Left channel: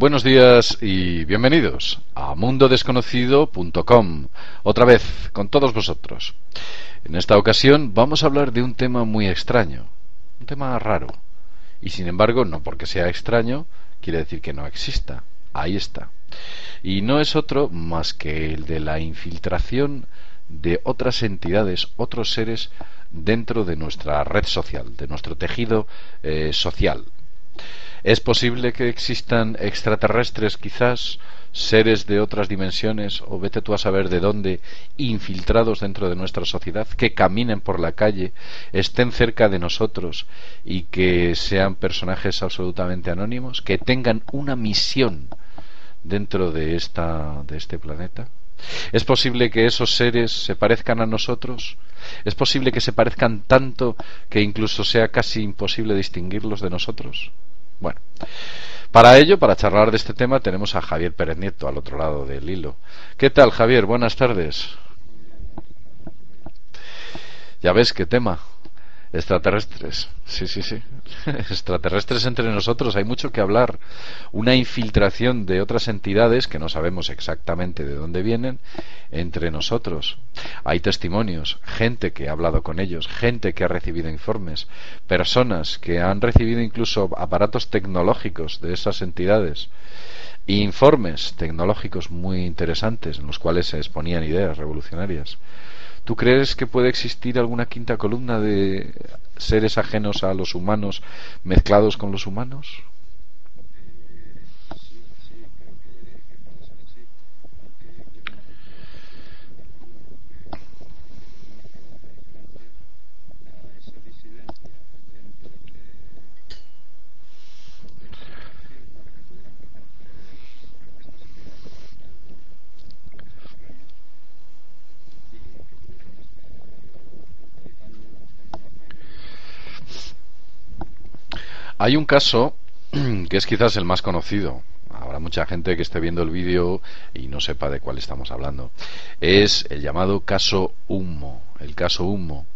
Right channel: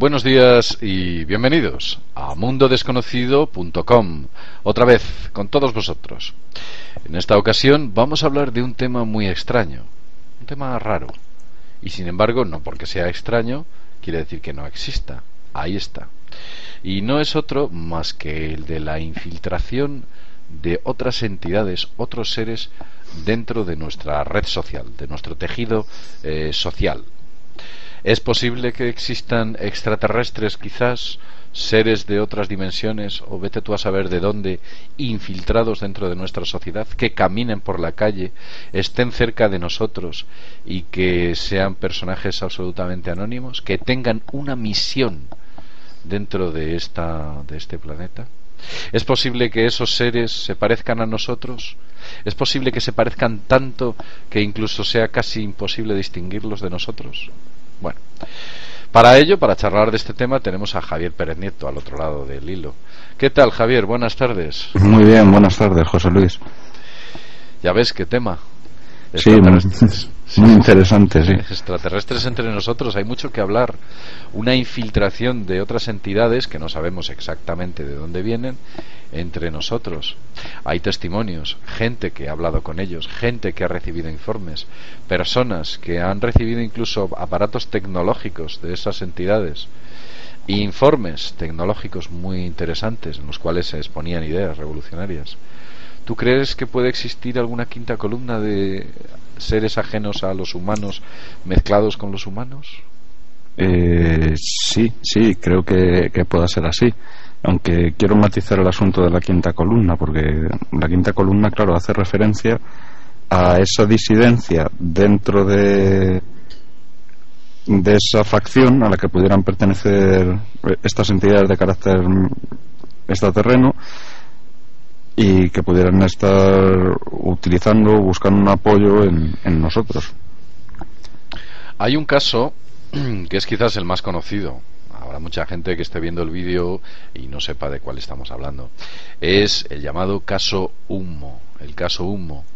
Buenos días y bienvenidos a mundodesconocido.com, otra vez con todos vosotros. En esta ocasión vamos a hablar de un tema muy extraño, un tema raro, y sin embargo, no porque sea extraño, quiere decir que no exista. Ahí está. Y no es otro más que el de la infiltración de otras entidades, otros seres dentro de nuestra red social, de nuestro tejido social. ¿Es posible que existan extraterrestres, quizás, seres de otras dimensiones, o vete tú a saber de dónde, infiltrados dentro de nuestra sociedad, que caminen por la calle, estén cerca de nosotros y que sean personajes absolutamente anónimos, que tengan una misión dentro de este planeta? ¿Es posible que esos seres se parezcan a nosotros? ¿Es posible que se parezcan tanto que incluso sea casi imposible distinguirlos de nosotros? Bueno, para ello, para charlar de este tema, tenemos a Javier Pérez Nieto al otro lado del hilo. ¿Qué tal, Javier? Buenas tardes. Muy bien, buenas tardes, José Luis. Ya ves qué tema. Extraterrestres. Sí, muy interesante, sí. Extraterrestres entre nosotros, hay mucho que hablar. Una infiltración de otras entidades que no sabemos exactamente de dónde vienen entre nosotros. Hay testimonios, gente que ha hablado con ellos, gente que ha recibido informes, personas que han recibido incluso aparatos tecnológicos de esas entidades, informes tecnológicos muy interesantes en los cuales se exponían ideas revolucionarias. ¿Tú crees que puede existir alguna quinta columna de seres ajenos a los humanos mezclados con los humanos? Sí, creo que pueda ser así. Aunque quiero matizar el asunto de la quinta columna, porque la quinta columna, claro, hace referencia a esa disidencia dentro de esa facción a la que pudieran pertenecer estas entidades de carácter extraterreno, y que pudieran estar utilizando o buscando un apoyo en nosotros. Hay un caso que es quizás el más conocido. Habrá mucha gente que esté viendo el vídeo y no sepa de cuál estamos hablando. Es el llamado caso Humo. El caso Humo.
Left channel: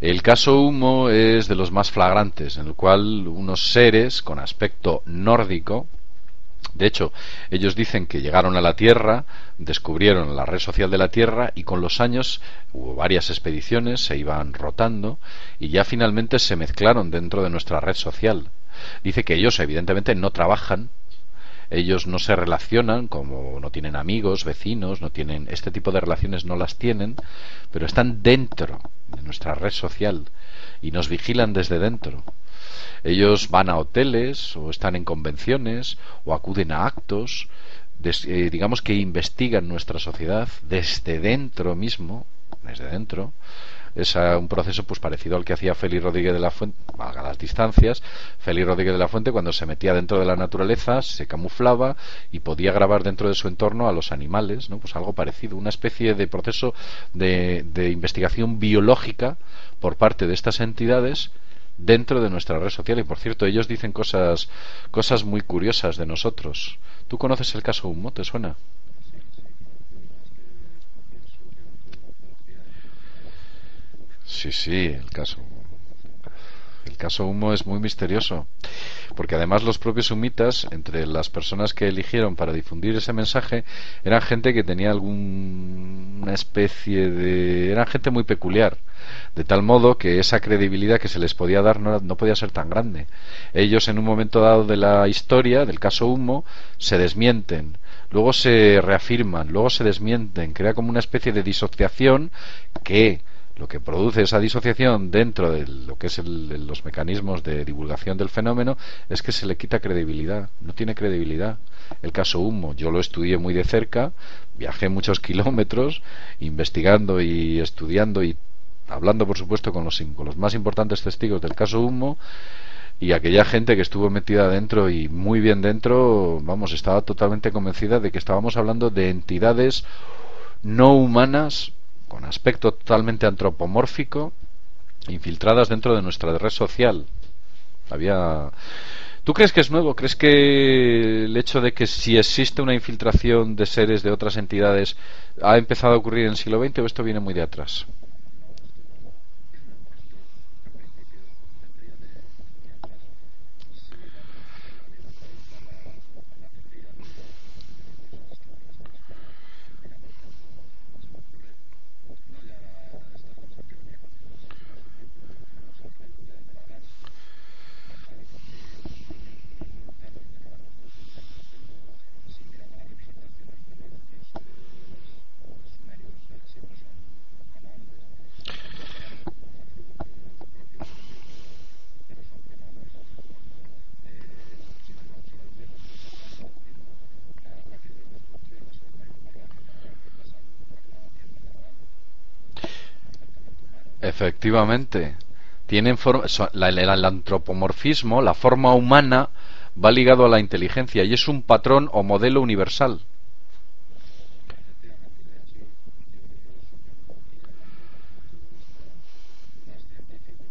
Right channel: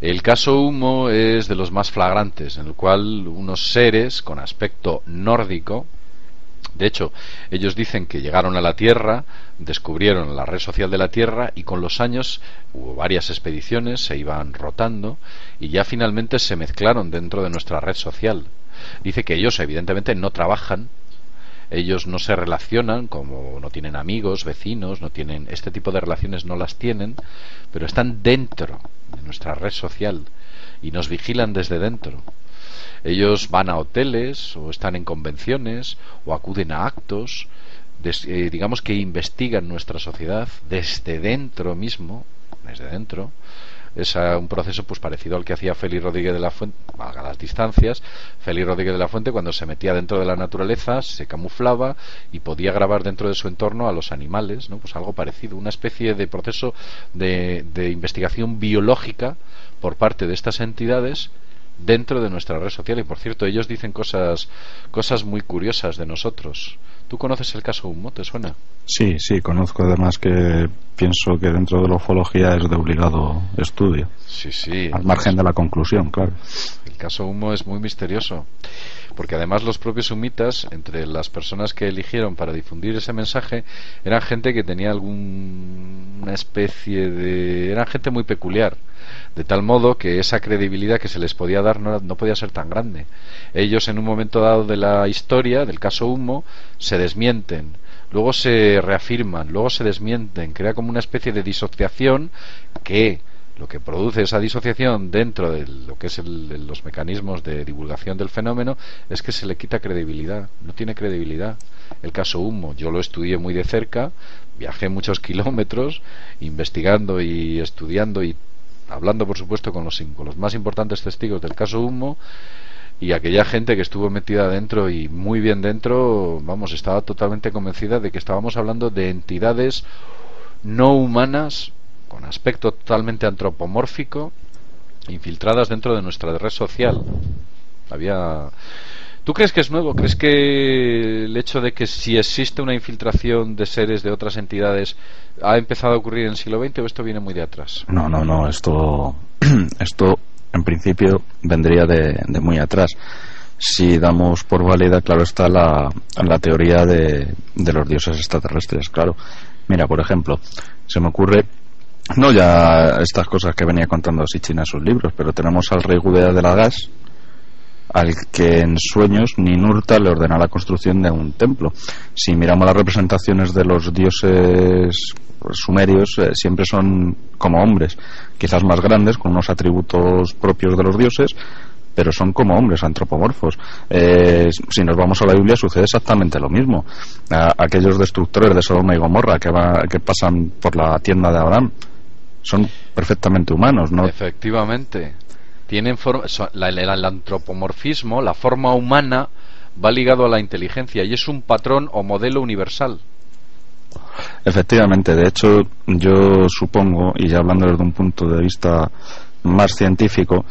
El caso Humo es de los más flagrantes, en el cual unos seres con aspecto nórdico, de hecho, ellos dicen que llegaron a la Tierra, descubrieron la red social de la Tierra y con los años hubo varias expediciones, se iban rotando y ya finalmente se mezclaron dentro de nuestra red social. Dice que ellos evidentemente no trabajan, ellos no se relacionan, como no tienen amigos, vecinos, no tienen este tipo de relaciones, no las tienen, pero están dentro de nuestra red social y nos vigilan desde dentro. Ellos van a hoteles o están en convenciones o acuden a actos, digamos que investigan nuestra sociedad desde dentro mismo, desde dentro. Es un proceso pues parecido al que hacía Félix Rodríguez de la Fuente, valga las distancias. Félix Rodríguez de la Fuente, cuando se metía dentro de la naturaleza, se camuflaba y podía grabar dentro de su entorno a los animales, ¿no? Pues algo parecido, una especie de proceso de investigación biológica por parte de estas entidades dentro de nuestra red social. Y por cierto, ellos dicen cosas muy curiosas de nosotros. ¿Tú conoces el caso Humo? ¿Te suena? Sí, conozco, además que pienso que dentro de la ufología es de obligado estudio. Sí. Al margen de la conclusión, claro. El caso Humo es muy misterioso, porque además los propios humitas, entre las personas que eligieron para difundir ese mensaje, eran gente que tenía alguna especie de... eran gente muy peculiar, de tal modo que esa credibilidad que se les podía dar no podía ser tan grande. Ellos, en un momento dado de la historia del caso Humo, se desmienten, luego se reafirman, luego se desmienten, crea como una especie de disociación que lo que produce esa disociación dentro de lo que es los mecanismos de divulgación del fenómeno es que se le quita credibilidad, no tiene credibilidad. El caso Humo, yo lo estudié muy de cerca, viajé muchos kilómetros investigando y estudiando y hablando, por supuesto, con los más importantes testigos del caso Humo, y aquella gente que estuvo metida dentro y muy bien dentro, vamos, estaba totalmente convencida de que estábamos hablando de entidades no humanas con aspecto totalmente antropomórfico, infiltradas dentro de nuestra red social. ¿Tú crees que es nuevo? ¿Crees que el hecho de que si existe una infiltración de seres de otras entidades ha empezado a ocurrir en el siglo XX o esto viene muy de atrás? No, esto en principio vendría de muy atrás. si damos por válida, claro está, la teoría de los dioses extraterrestres. Claro, mira, por ejemplo, se me ocurre, no ya estas cosas que venía contando Sitchin en sus libros, pero tenemos al rey Gudea de Lagash, al que en sueños Ninurta le ordena la construcción de un templo. Si miramos las representaciones de los dioses sumerios, siempre son como hombres, quizás más grandes, con unos atributos propios de los dioses, pero son como hombres, antropomorfos. Si nos vamos a la Biblia, sucede exactamente lo mismo. Aquellos destructores de Sodoma y Gomorra que pasan por la tienda de Abraham son perfectamente humanos, ¿no? Efectivamente. Tienen el antropomorfismo, la forma humana, va ligado a la inteligencia y es un patrón o modelo universal. Efectivamente, de hecho, yo supongo, y ya hablando desde un punto de vista más científico,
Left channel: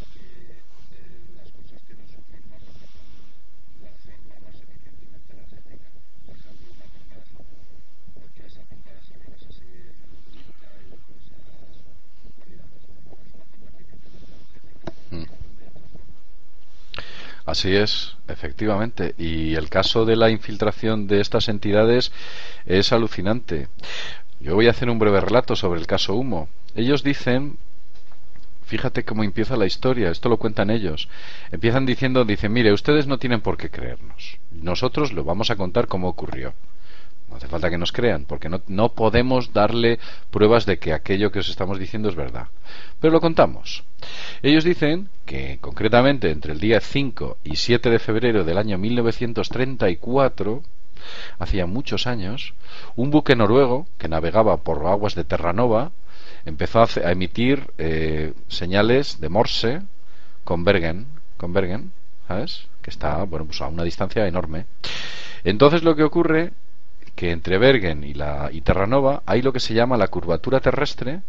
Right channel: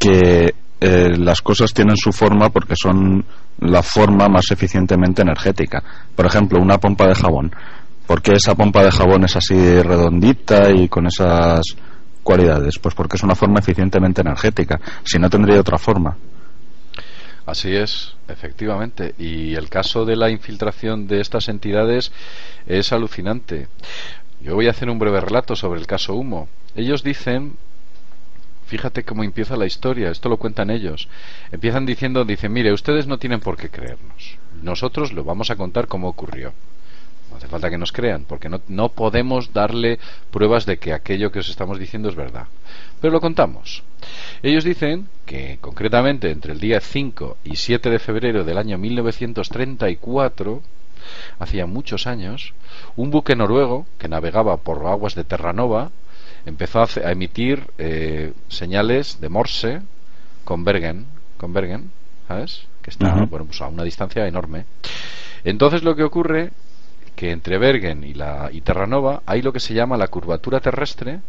que las cosas tienen su forma porque son la forma más eficientemente energética. Por ejemplo, una pompa de jabón. ¿Por qué esa pompa de jabón es así redondita y con esas cualidades? Pues porque es una forma eficientemente energética. Si no, tendría otra forma. Así es, efectivamente. Y el caso de la infiltración de estas entidades es alucinante. Yo voy a hacer un breve relato sobre el caso Humo. Ellos dicen, fíjate cómo empieza la historia, esto lo cuentan ellos. Empiezan dicen, mire, ustedes no tienen por qué creernos. Nosotros lo vamos a contar cómo ocurrió. No hace falta que nos crean, porque no podemos darle pruebas de que aquello que os estamos diciendo es verdad. Pero lo contamos. Ellos dicen que, concretamente, entre el día 5 y 7 de febrero del año 1934, hacía muchos años, un buque noruego que navegaba por aguas de Terranova empezó a emitir señales de Morse con Bergen, ¿sabes? Que está pues a una distancia enorme. Entonces lo que ocurre que entre Bergen y Terranova hay lo que se llama la curvatura terrestre,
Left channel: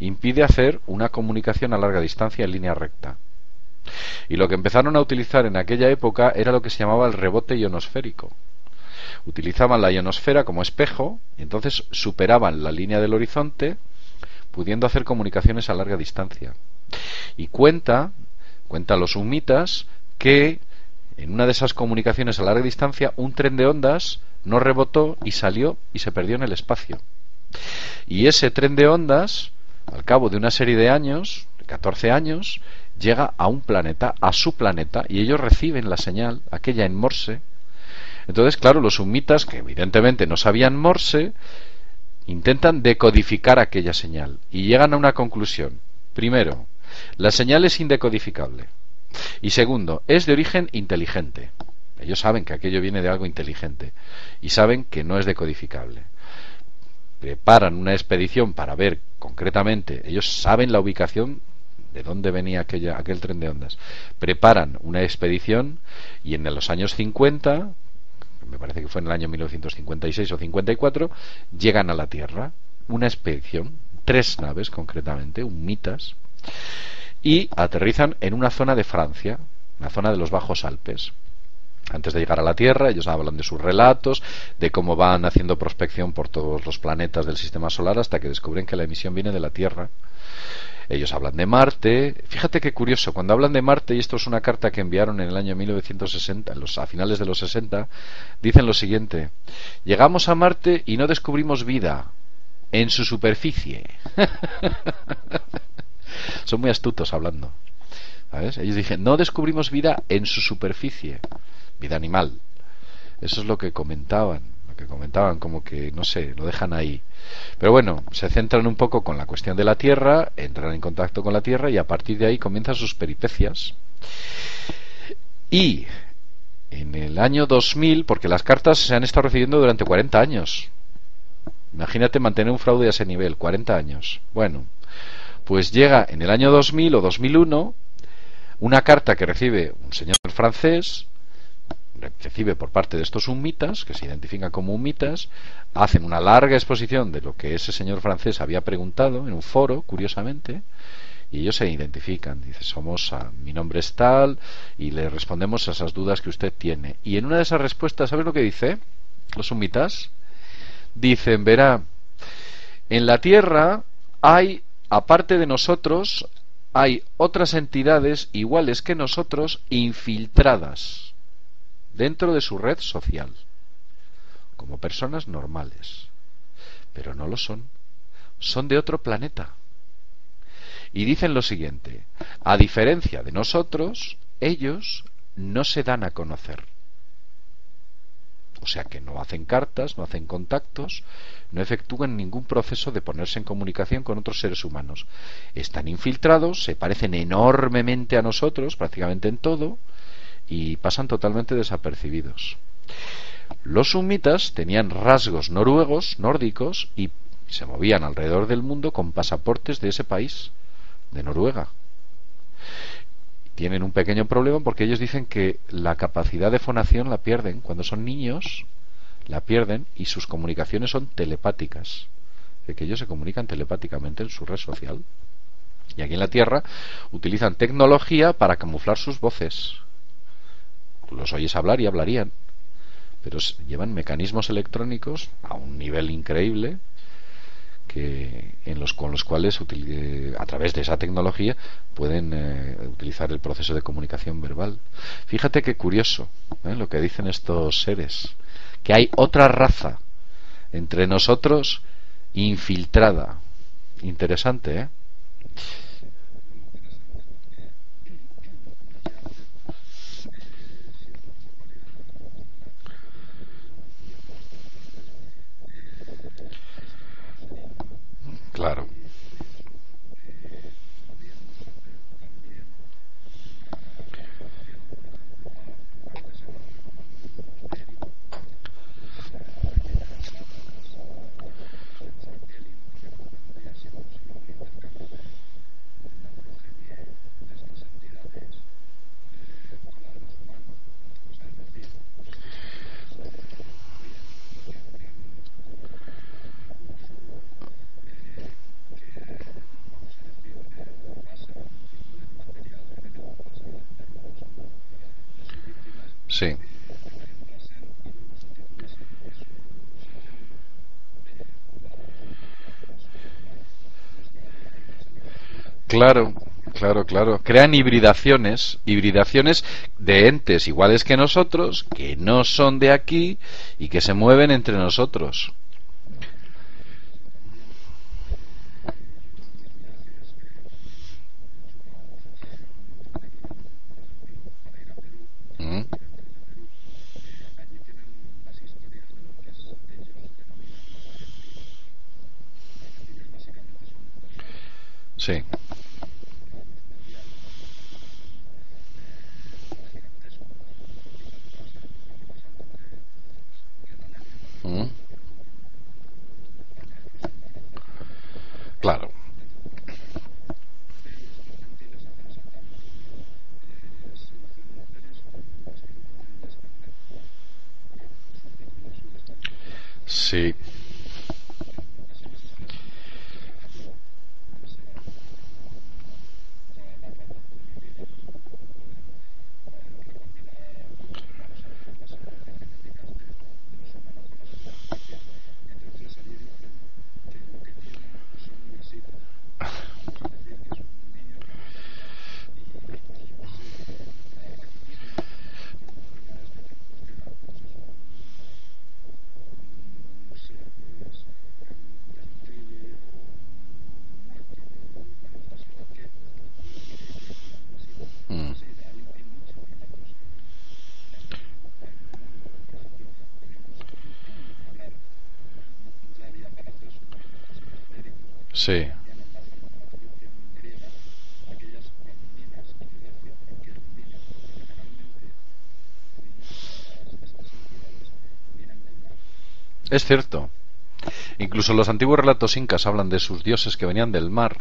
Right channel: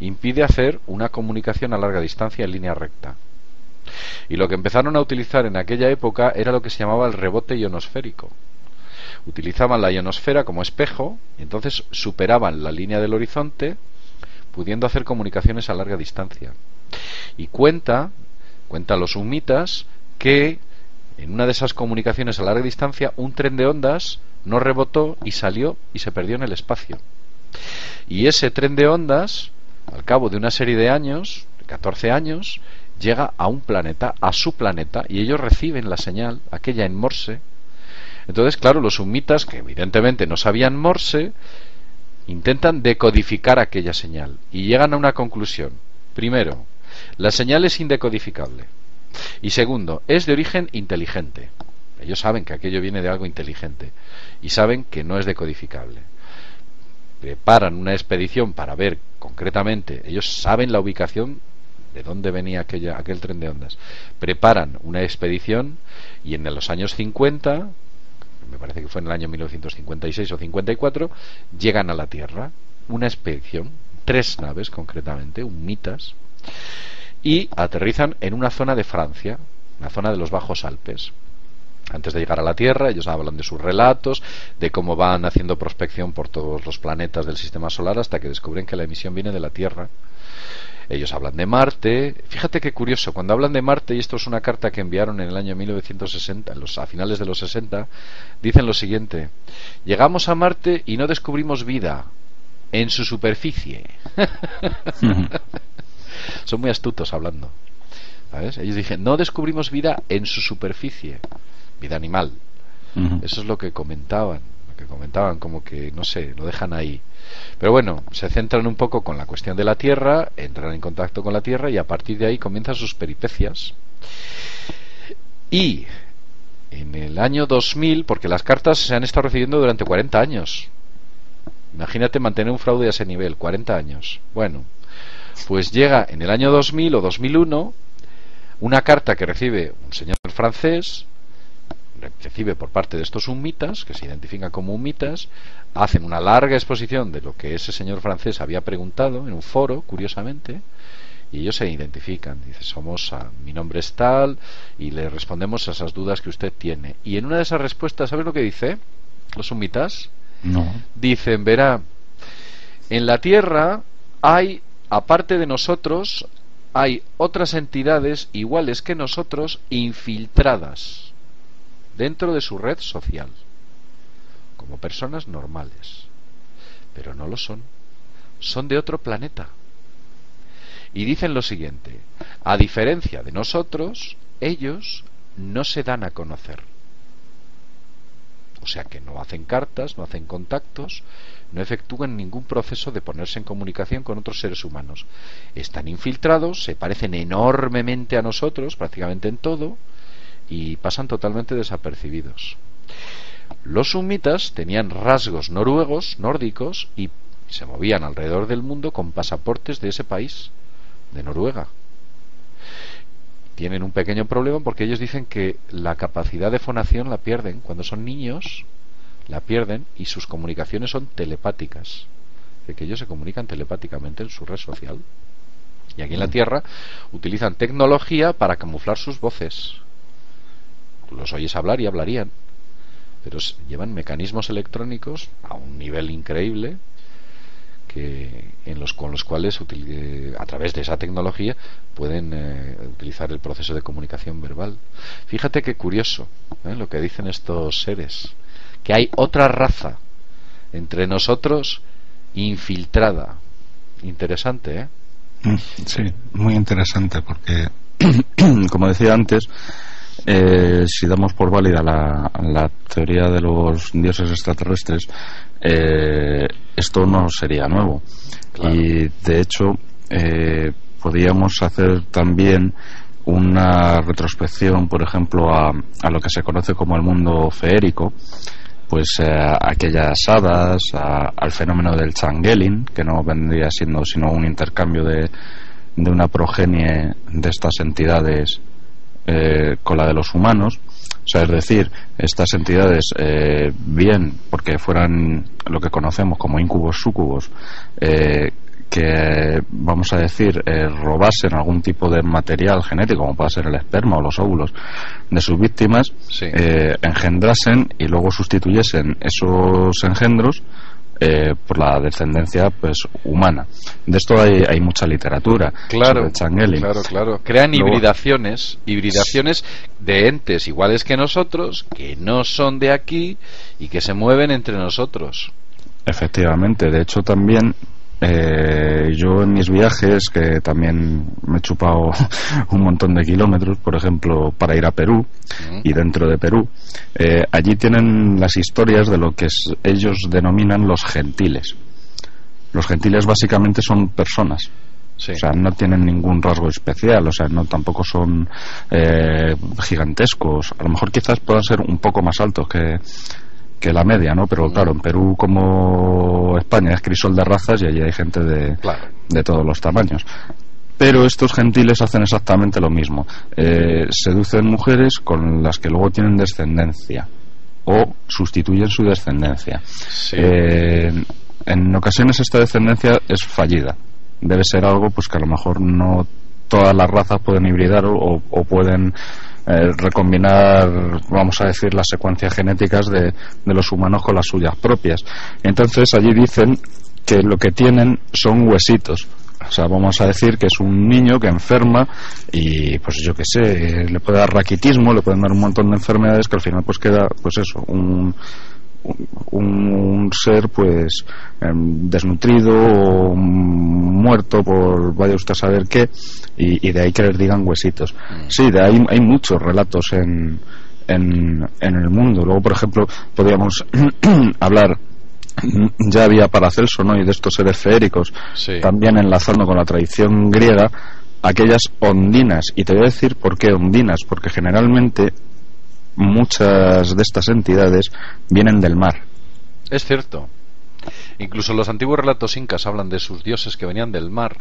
impide hacer una comunicación a larga distancia en línea recta. Y lo que empezaron a utilizar en aquella época era lo que se llamaba el rebote ionosférico. Utilizaban la ionosfera como espejo y entonces superaban la línea del horizonte, pudiendo hacer comunicaciones a larga distancia. Y cuenta los humitas que en una de esas comunicaciones a larga distancia un tren de ondas no rebotó y salió y se perdió en el espacio. Y ese tren de ondas, al cabo de una serie de años, de 14 años, llega a un planeta, a su planeta, y ellos reciben la señal, aquella en Morse. Entonces, claro, los humitas, que evidentemente no sabían Morse, intentan decodificar aquella señal y llegan a una conclusión. Primero, la señal es indecodificable. Y segundo, es de origen inteligente. Ellos saben que aquello viene de algo inteligente y saben que no es decodificable. Preparan una expedición para ver concretamente, ellos saben la ubicación de dónde venía aquel tren de ondas. Preparan una expedición y en los años 50, me parece que fue en el año 1956 o 54, llegan a la Tierra, una expedición, 3 naves concretamente, humitas, y aterrizan en una zona de Francia, una zona de los Bajos Alpes. Antes de llegar a la Tierra, ellos hablan de sus relatos, de cómo van haciendo prospección por todos los planetas del sistema solar hasta que descubren que la emisión viene de la Tierra. Ellos hablan de Marte. Fíjate qué curioso, cuando hablan de Marte, y esto es una carta que enviaron en el año 1960, a finales de los 60, dicen lo siguiente: llegamos a Marte y no descubrimos vida en su superficie. Son muy astutos hablando, ¿sabes? Ellos dicen, no descubrimos vida en su superficie, vida animal. Eso es lo que comentaban, como que, no sé, lo dejan ahí. Pero bueno, se centran un poco con la cuestión de la Tierra, entran en contacto con la Tierra y a partir de ahí comienzan sus peripecias. Y en el año 2000, porque las cartas se han estado recibiendo durante 40 años. Imagínate mantener un fraude a ese nivel, 40 años. Bueno, pues llega en el año 2000 o 2001 una carta que recibe un señor francés, recibe por parte de estos humitas, que se identifican como humitas, hacen una larga exposición de lo que ese señor francés había preguntado en un foro, curiosamente, y ellos se identifican. Dice, mi nombre es tal, y le respondemos a esas dudas que usted tiene. Y en una de esas respuestas, ¿sabes lo que dice los humitas? No. Dicen, verá, en la Tierra hay, aparte de nosotros, hay otras entidades iguales que nosotros infiltradas dentro de su red social, como personas normales, pero no lo son, son de otro planeta. Y dicen lo siguiente: a diferencia de nosotros, ellos no se dan a conocer. O sea que no hacen cartas, no hacen contactos, no efectúan ningún proceso de ponerse en comunicación con otros seres humanos. Están infiltrados, se parecen enormemente a nosotros, prácticamente en todo, y pasan totalmente desapercibidos. Los sumitas tenían rasgos noruegos, nórdicos, y se movían alrededor del mundo con pasaportes de ese país, de Noruega. Tienen un pequeño problema porque ellos dicen que la capacidad de fonación la pierden cuando son niños, la pierden, y sus comunicaciones son telepáticas, de que ellos se comunican telepáticamente en su red social. Y aquí en la Tierra utilizan tecnología para camuflar sus voces. Tú los oyes hablar y hablarían, pero llevan mecanismos electrónicos a un nivel increíble, con los cuales a través de esa tecnología pueden utilizar el proceso de comunicación verbal. Fíjate qué curioso lo que dicen estos seres, que hay otra raza entre nosotros infiltrada. Interesante, ¿eh? Sí, muy interesante, porque como decía antes, si damos por válida la teoría de los dioses extraterrestres, esto no sería nuevo. Claro. Y de hecho podríamos hacer también una retrospección, por ejemplo, a lo que se conoce como el mundo feérico, pues aquellas hadas, al fenómeno del changeling, que no vendría siendo sino un intercambio de una progenie de estas entidades con la de los humanos. O sea, es decir, estas entidades, bien porque fueran lo que conocemos como incubos, súcubos, que vamos a decir robasen algún tipo de material genético, como puede ser el esperma o los óvulos de sus víctimas, sí, engendrasen y luego sustituyesen esos engendros por la descendencia pues humana. De esto hay mucha literatura. Claro, claro. Crean hibridaciones de entes iguales que nosotros, que no son de aquí y que se mueven entre nosotros. Efectivamente. De hecho, también yo en mis viajes, que también me he chupado un montón de kilómetros, por ejemplo, para ir a Perú, y dentro de Perú, allí tienen las historias de lo que ellos denominan los gentiles. Los gentiles básicamente son personas. Sí. O sea, no tienen ningún rasgo especial, o sea, no tampoco son gigantescos. A lo mejor quizás puedan ser un poco más altos que la media, ¿no? Pero claro, en Perú, como España, es crisol de razas y allí hay gente de todos los tamaños. Pero estos gentiles hacen exactamente lo mismo. Seducen mujeres con las que luego tienen descendencia o sustituyen su descendencia. Sí. En ocasiones esta descendencia es fallida. Debe ser algo pues que a lo mejor no todas las razas pueden hibridar o pueden recombinar, vamos a decir, las secuencias genéticas de los humanos con las suyas propias. Entonces allí dicen que lo que tienen son huesitos. O sea, vamos a decir que es un niño que enferma y pues yo qué sé, le puede dar raquitismo, le pueden dar un montón de enfermedades que al final pues queda pues eso, un ser pues desnutrido o muerto por vaya usted a saber qué, y de ahí que les digan huesitos. Sí, de ahí hay muchos relatos en el mundo. Luego, por ejemplo, podríamos hablar, ya había Paracelso, ¿no? Y de estos seres feéricos, sí, también enlazando con la tradición griega, aquellas ondinas. Y te voy a decir por qué ondinas, porque generalmente muchas de estas entidades vienen del mar. Es cierto. Incluso los antiguos relatos incas hablan de sus dioses que venían del mar.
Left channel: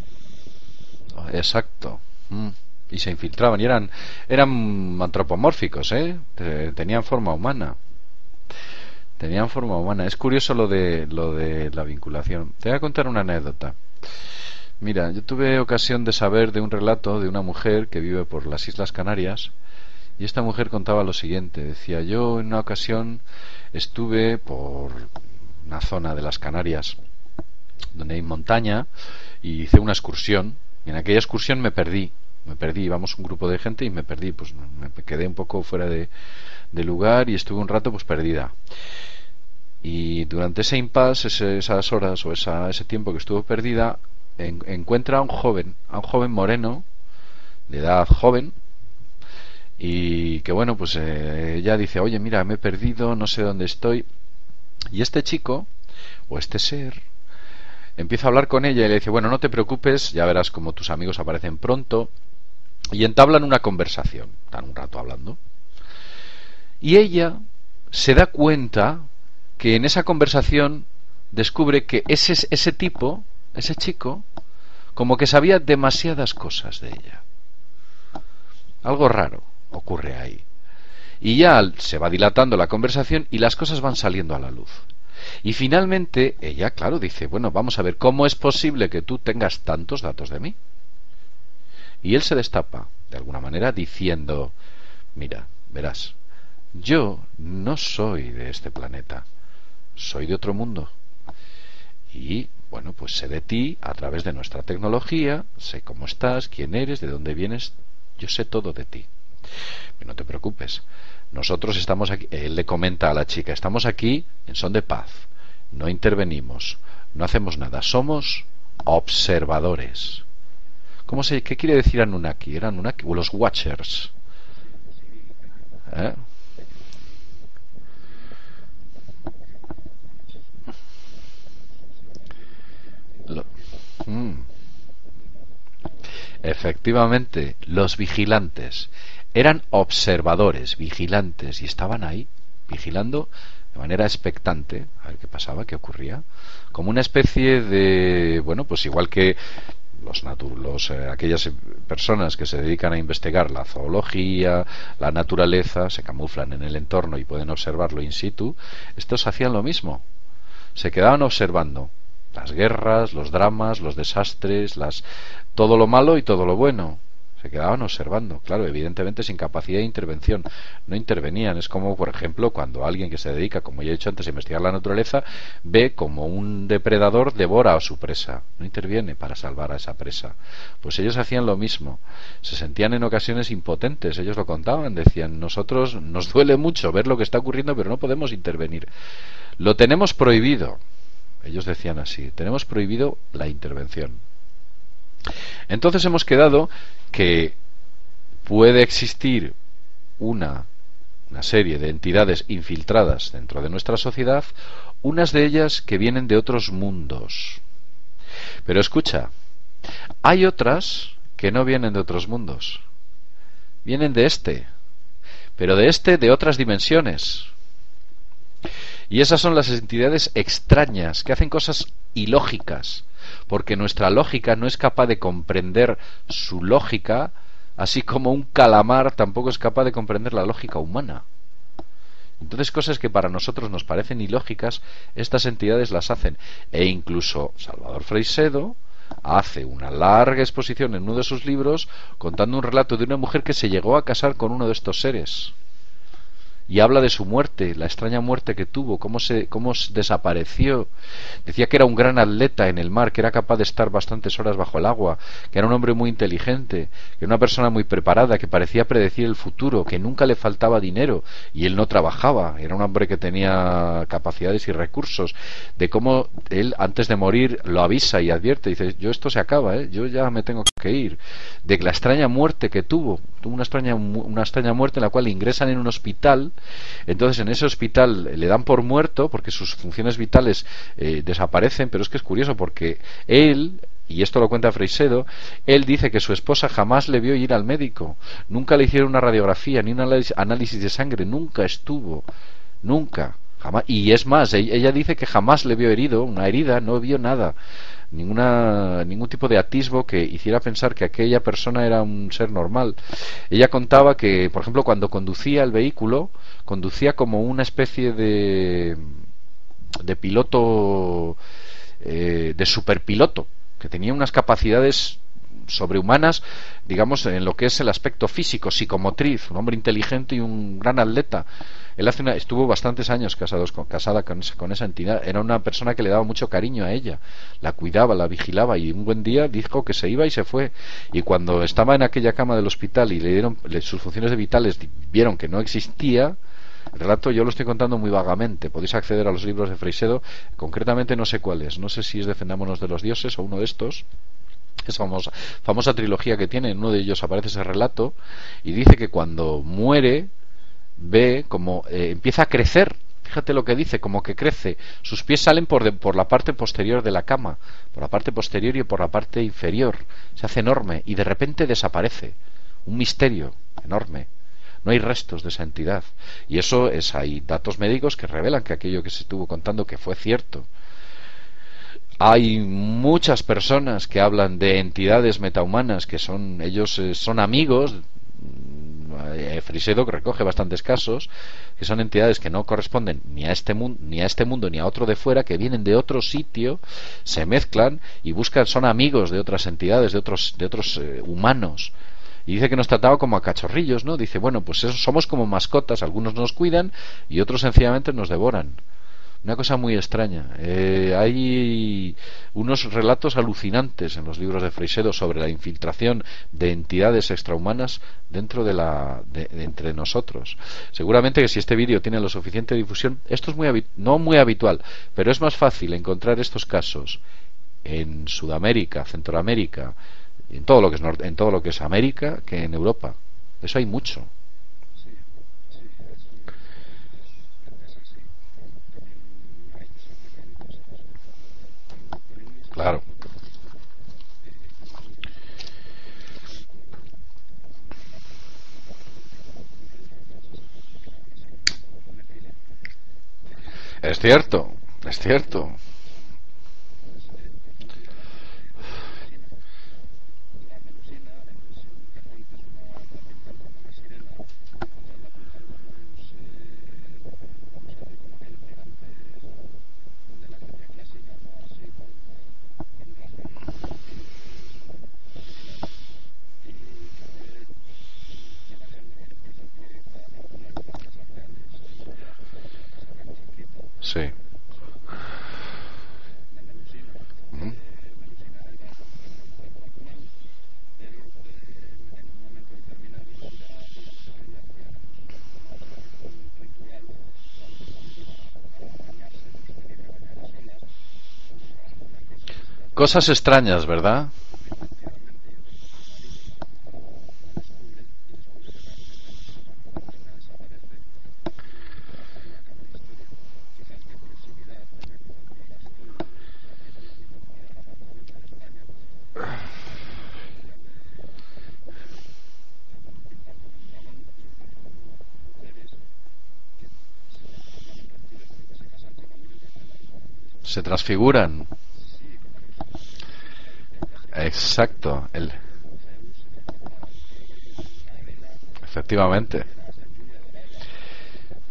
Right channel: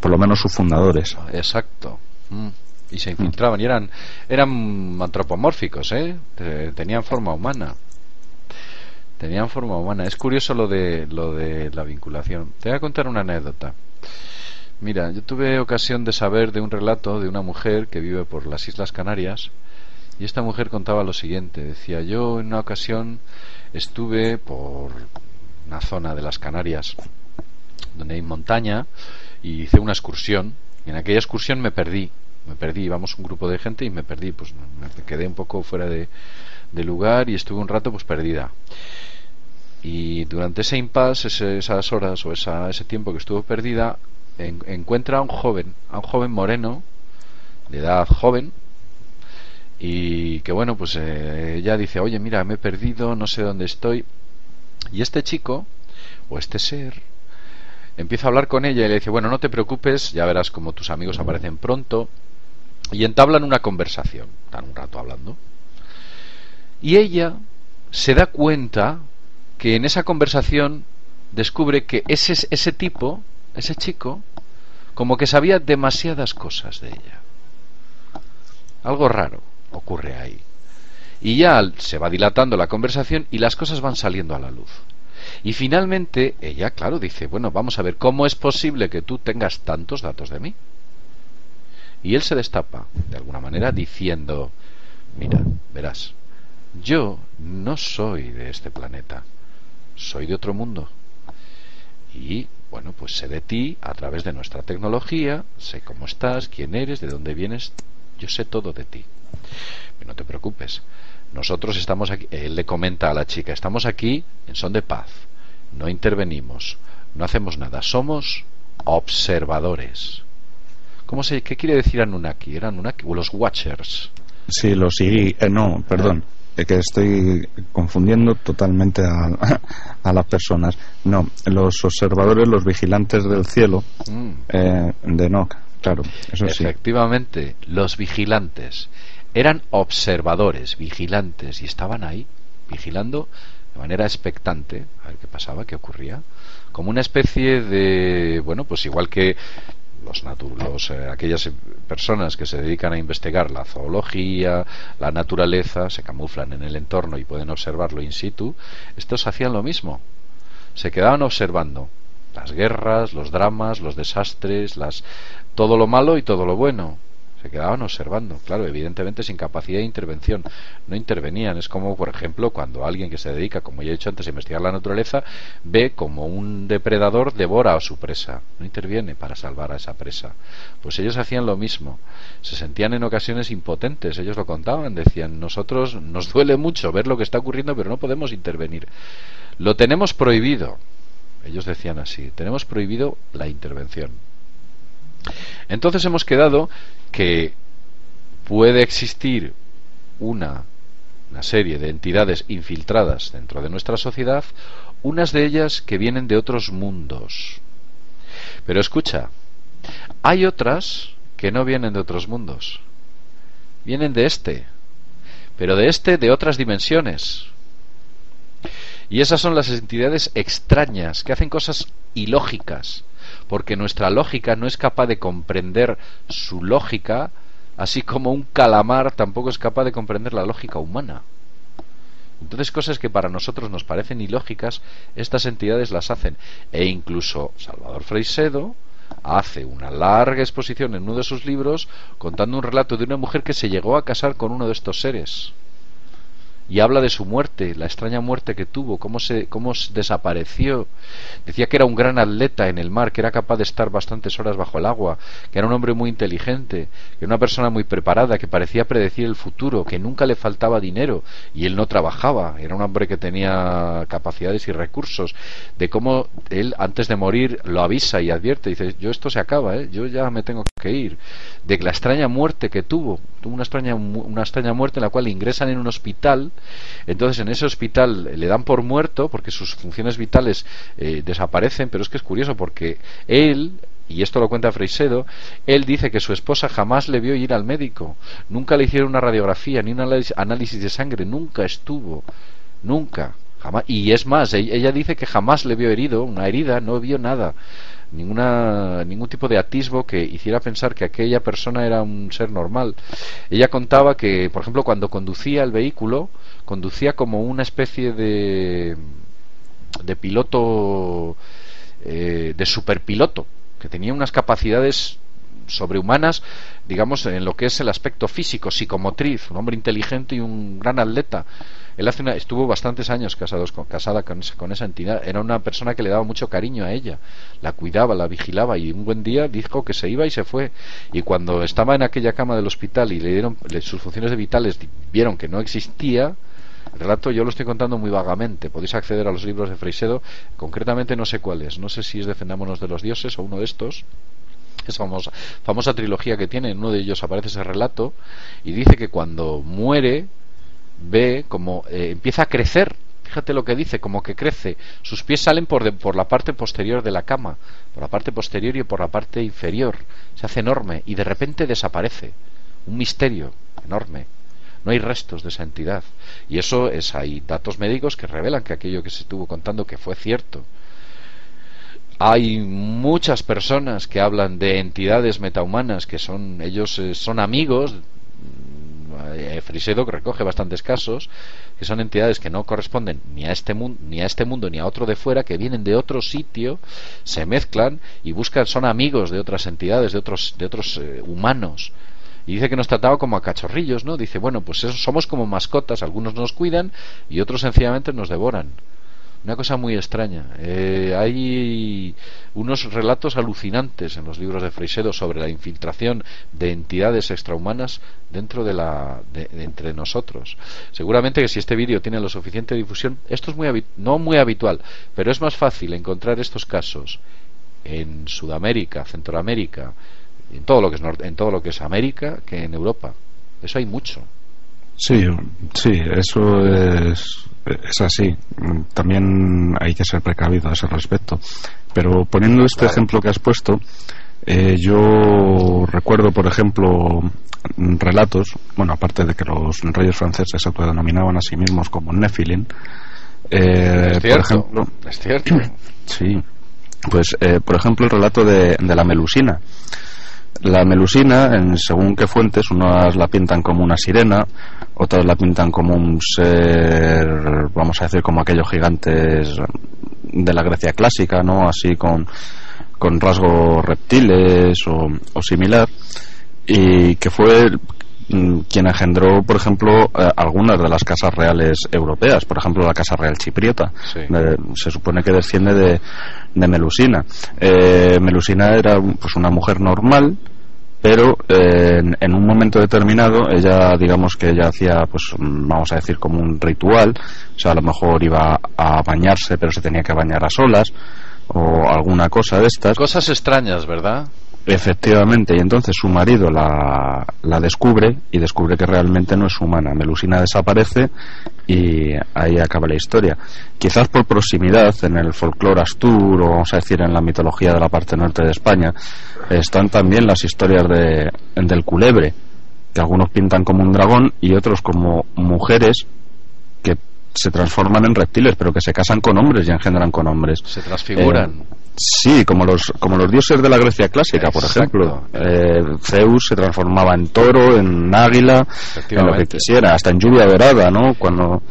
Por lo menos sus fundadores. Exacto. Y se infiltraban y eran antropomórficos, ¿eh? Tenían forma humana. Es curioso lo de la vinculación. Te voy a contar una anécdota. Mira, yo tuve ocasión de saber de un relato de una mujer que vive por las Islas Canarias. Y esta mujer contaba lo siguiente. Decía: yo en una ocasión estuve por una zona de las Canarias donde hay montaña y hice una excursión Y en aquella excursión me perdí, íbamos un grupo de gente y me perdí, pues me quedé un poco fuera de lugar y estuve un rato pues perdida. Y durante ese impasse, esas horas o ese tiempo que estuvo perdida, encuentra a un joven moreno, de edad joven, y que bueno, pues ella dice, oye, mira, me he perdido, no sé dónde estoy. Y este chico, o este ser, empieza a hablar con ella y le dice, bueno, no te preocupes, ya verás como tus amigos aparecen pronto. Y entablan una conversación, están un rato hablando. Y ella se da cuenta que en esa conversación descubre que ese tipo, ese chico, como que sabía demasiadas cosas de ella. Algo raro ocurre ahí. Y ya se va dilatando la conversación y las cosas van saliendo a la luz. Y finalmente ella, claro, dice, bueno, vamos a ver, ¿cómo es posible que tú tengas tantos datos de mí? Y él se destapa, de alguna manera, diciendo, mira, verás, yo no soy de este planeta, soy de otro mundo. Y, bueno, pues sé de ti a través de nuestra tecnología, sé cómo estás, quién eres, de dónde vienes, yo sé todo de ti. Pero no te preocupes, nosotros estamos aquí, él le comenta a la chica, estamos aquí en son de paz, no intervenimos, no hacemos nada, somos observadores. ¿Qué quiere decir Anunnaki? ¿Eran Anunnaki o los Watchers? Sí, no, perdón, que estoy confundiendo totalmente a las personas. No, los observadores, los vigilantes del cielo de Enoch, claro. Eso efectivamente, sí. Los vigilantes eran observadores, vigilantes, y estaban ahí, vigilando de manera expectante a ver qué pasaba, qué ocurría, como una especie de, bueno, pues igual que aquellas personas que se dedican a investigar la zoología, la naturaleza, se camuflan en el entorno y pueden observarlo in situ. Estos hacían lo mismo, se quedaban observando las guerras, los dramas, los desastres, todo lo malo y todo lo bueno. Se quedaban observando, claro, evidentemente sin capacidad de intervención, no intervenían. Es como, por ejemplo, cuando alguien que se dedica, como ya he dicho antes, a investigar la naturaleza, ve como un depredador devora a su presa, no interviene para salvar a esa presa. Pues ellos hacían lo mismo, se sentían en ocasiones impotentes, ellos lo contaban, decían, nosotros nos duele mucho ver lo que está ocurriendo, pero no podemos intervenir, lo tenemos prohibido. Ellos decían así, tenemos prohibido la intervención. Entonces hemos quedado que puede existir una serie de entidades infiltradas dentro de nuestra sociedad, unas de ellas que vienen de otros mundos. Pero escucha, hay otras que no vienen de otros mundos, vienen de pero de otras dimensiones. Y esas son las entidades extrañas que hacen cosas ilógicas, porque nuestra lógica no es capaz de comprender su lógica, así como un calamar tampoco es capaz de comprender la lógica humana. Entonces, cosas que para nosotros nos parecen ilógicas, estas entidades las hacen. E incluso Salvador Freixedo hace una larga exposición en uno de sus libros contando un relato de una mujer que se llegó a casar con uno de estos seres. Y habla de su muerte, la extraña muerte que tuvo, cómo desapareció. Decía que era un gran atleta en el mar, que era capaz de estar bastantes horas bajo el agua, que era un hombre muy inteligente, que era una persona muy preparada, que parecía predecir el futuro, que nunca le faltaba dinero y él no trabajaba, era un hombre que tenía capacidades y recursos, de cómo él antes de morir lo avisa y advierte, dice, yo esto se acaba, yo ya me tengo que ir, de la extraña muerte que tuvo una extraña muerte en la cual le ingresan en un hospital. Entonces en ese hospital le dan por muerto porque sus funciones vitales desaparecen, pero es que es curioso porque él, y esto lo cuenta Freixedo, él dice que su esposa jamás le vio ir al médico, nunca le hicieron una radiografía ni un análisis de sangre, nunca estuvo, nunca, jamás. Y es más, ella dice que jamás le vio herido, una herida, no vio nada, ningún tipo de atisbo que hiciera pensar que aquella persona era un ser normal. Ella contaba que, por ejemplo, cuando conducía el vehículo, conducía como una especie de piloto, de superpiloto, que tenía unas capacidades sobrehumanas, digamos, en lo que es el aspecto físico, psicomotriz, un hombre inteligente y un gran atleta. Él estuvo bastantes años casada con esa entidad. Era una persona que le daba mucho cariño a ella, la cuidaba, la vigilaba, y un buen día dijo que se iba y se fue. Y cuando estaba en aquella cama del hospital y le dieron sus funciones vitales, vieron que no existía. El relato yo lo estoy contando muy vagamente. Podéis acceder a los libros de Freixedo. Concretamente no sé cuál es. No sé si es Defendámonos de los dioses o uno de estos. Es famosa trilogía que tiene. En uno de ellos aparece ese relato y dice que cuando muere ve como empieza a crecer. Fíjate lo que dice, como que crece. Sus pies salen por la parte posterior de la cama, por la parte posterior y por la parte inferior. Se hace enorme y de repente desaparece. Un misterio enorme. No hay restos de esa entidad. Y eso hay datos médicos que revelan que aquello que se estuvo contando que fue cierto. Hay muchas personas que hablan de entidades metahumanas que ellos son amigos. Freixedo recoge bastantes casos que son entidades que no corresponden ni a este mundo ni a otro de fuera, que vienen de otro sitio, se mezclan y son amigos de otras entidades, de otros humanos. Y dice que nos trataba como a cachorrillos, ¿no? Dice, bueno, pues somos como mascotas, algunos nos cuidan y otros sencillamente nos devoran. Una cosa muy extraña. Hay unos relatos alucinantes en los libros de Freixedo sobre la infiltración de entidades extrahumanas dentro de entre nosotros. Seguramente que si este vídeo tiene lo suficiente difusión, esto es no muy habitual, pero es más fácil encontrar estos casos en Sudamérica, Centroamérica, en todo lo que es América, que en Europa. Eso hay mucho. Sí, eso es así. También hay que ser precavido a ese respecto. Pero poniendo este ejemplo que has puesto, yo recuerdo, por ejemplo, relatos, bueno, aparte de que los reyes franceses se autodenominaban a sí mismos como Nephilim. Es cierto, es cierto. Sí. Pues, por ejemplo, el relato de la Melusina. La Melusina, según qué fuentes, unas la pintan como una sirena, otras la pintan como un ser, vamos a decir, como aquellos gigantes de la Grecia clásica, ¿no? Así con rasgos reptiles o similar, y que fue quien engendró, por ejemplo, algunas de las casas reales europeas, por ejemplo la Casa Real Chipriota. Sí. Se supone que desciende de Melusina. Melusina era pues una mujer normal, pero en un momento determinado ella, digamos que ella hacía, pues vamos a decir, como un ritual. O sea, a lo mejor iba a bañarse, pero se tenía que bañar a solas o alguna cosa de estas. Cosas extrañas, ¿verdad? Efectivamente, y entonces su marido la descubre y descubre que realmente no es humana. Melusina desaparece y ahí acaba la historia. Quizás por proximidad, en el folclore astur, o vamos a decir en la mitología de la parte norte de España, están también las historias del culebre, que algunos pintan como un dragón y otros como mujeres que se transforman en reptiles, pero que se casan con hombres y engendran con hombres. Se transfiguran. Sí, como los dioses de la Grecia clásica. Exacto. Por ejemplo. Zeus se transformaba en toro, en águila, efectivamente, en lo que quisiera, hasta en lluvia dorada, ¿no? Cuando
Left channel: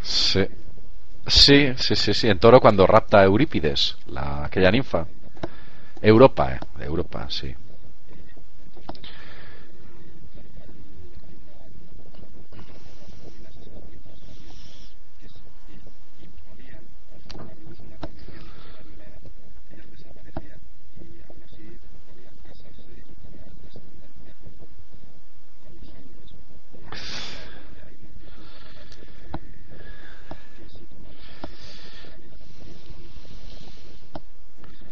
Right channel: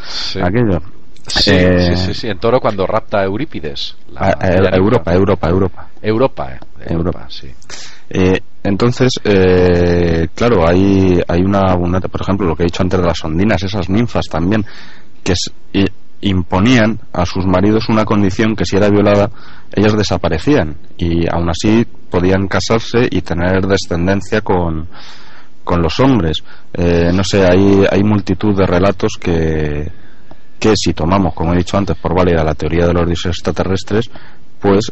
aquello. Sí, en toro cuando rapta a Eurípides. Europa, sí. Entonces, claro, hay una, por ejemplo, lo que he dicho antes de las ondinas, esas ninfas también, que imponían a sus maridos una condición que si era violada ellas desaparecían, y aún así podían casarse y tener descendencia con los hombres. No sé, hay multitud de relatos que si tomamos, como he dicho antes, por válida la teoría de los dioses extraterrestres, pues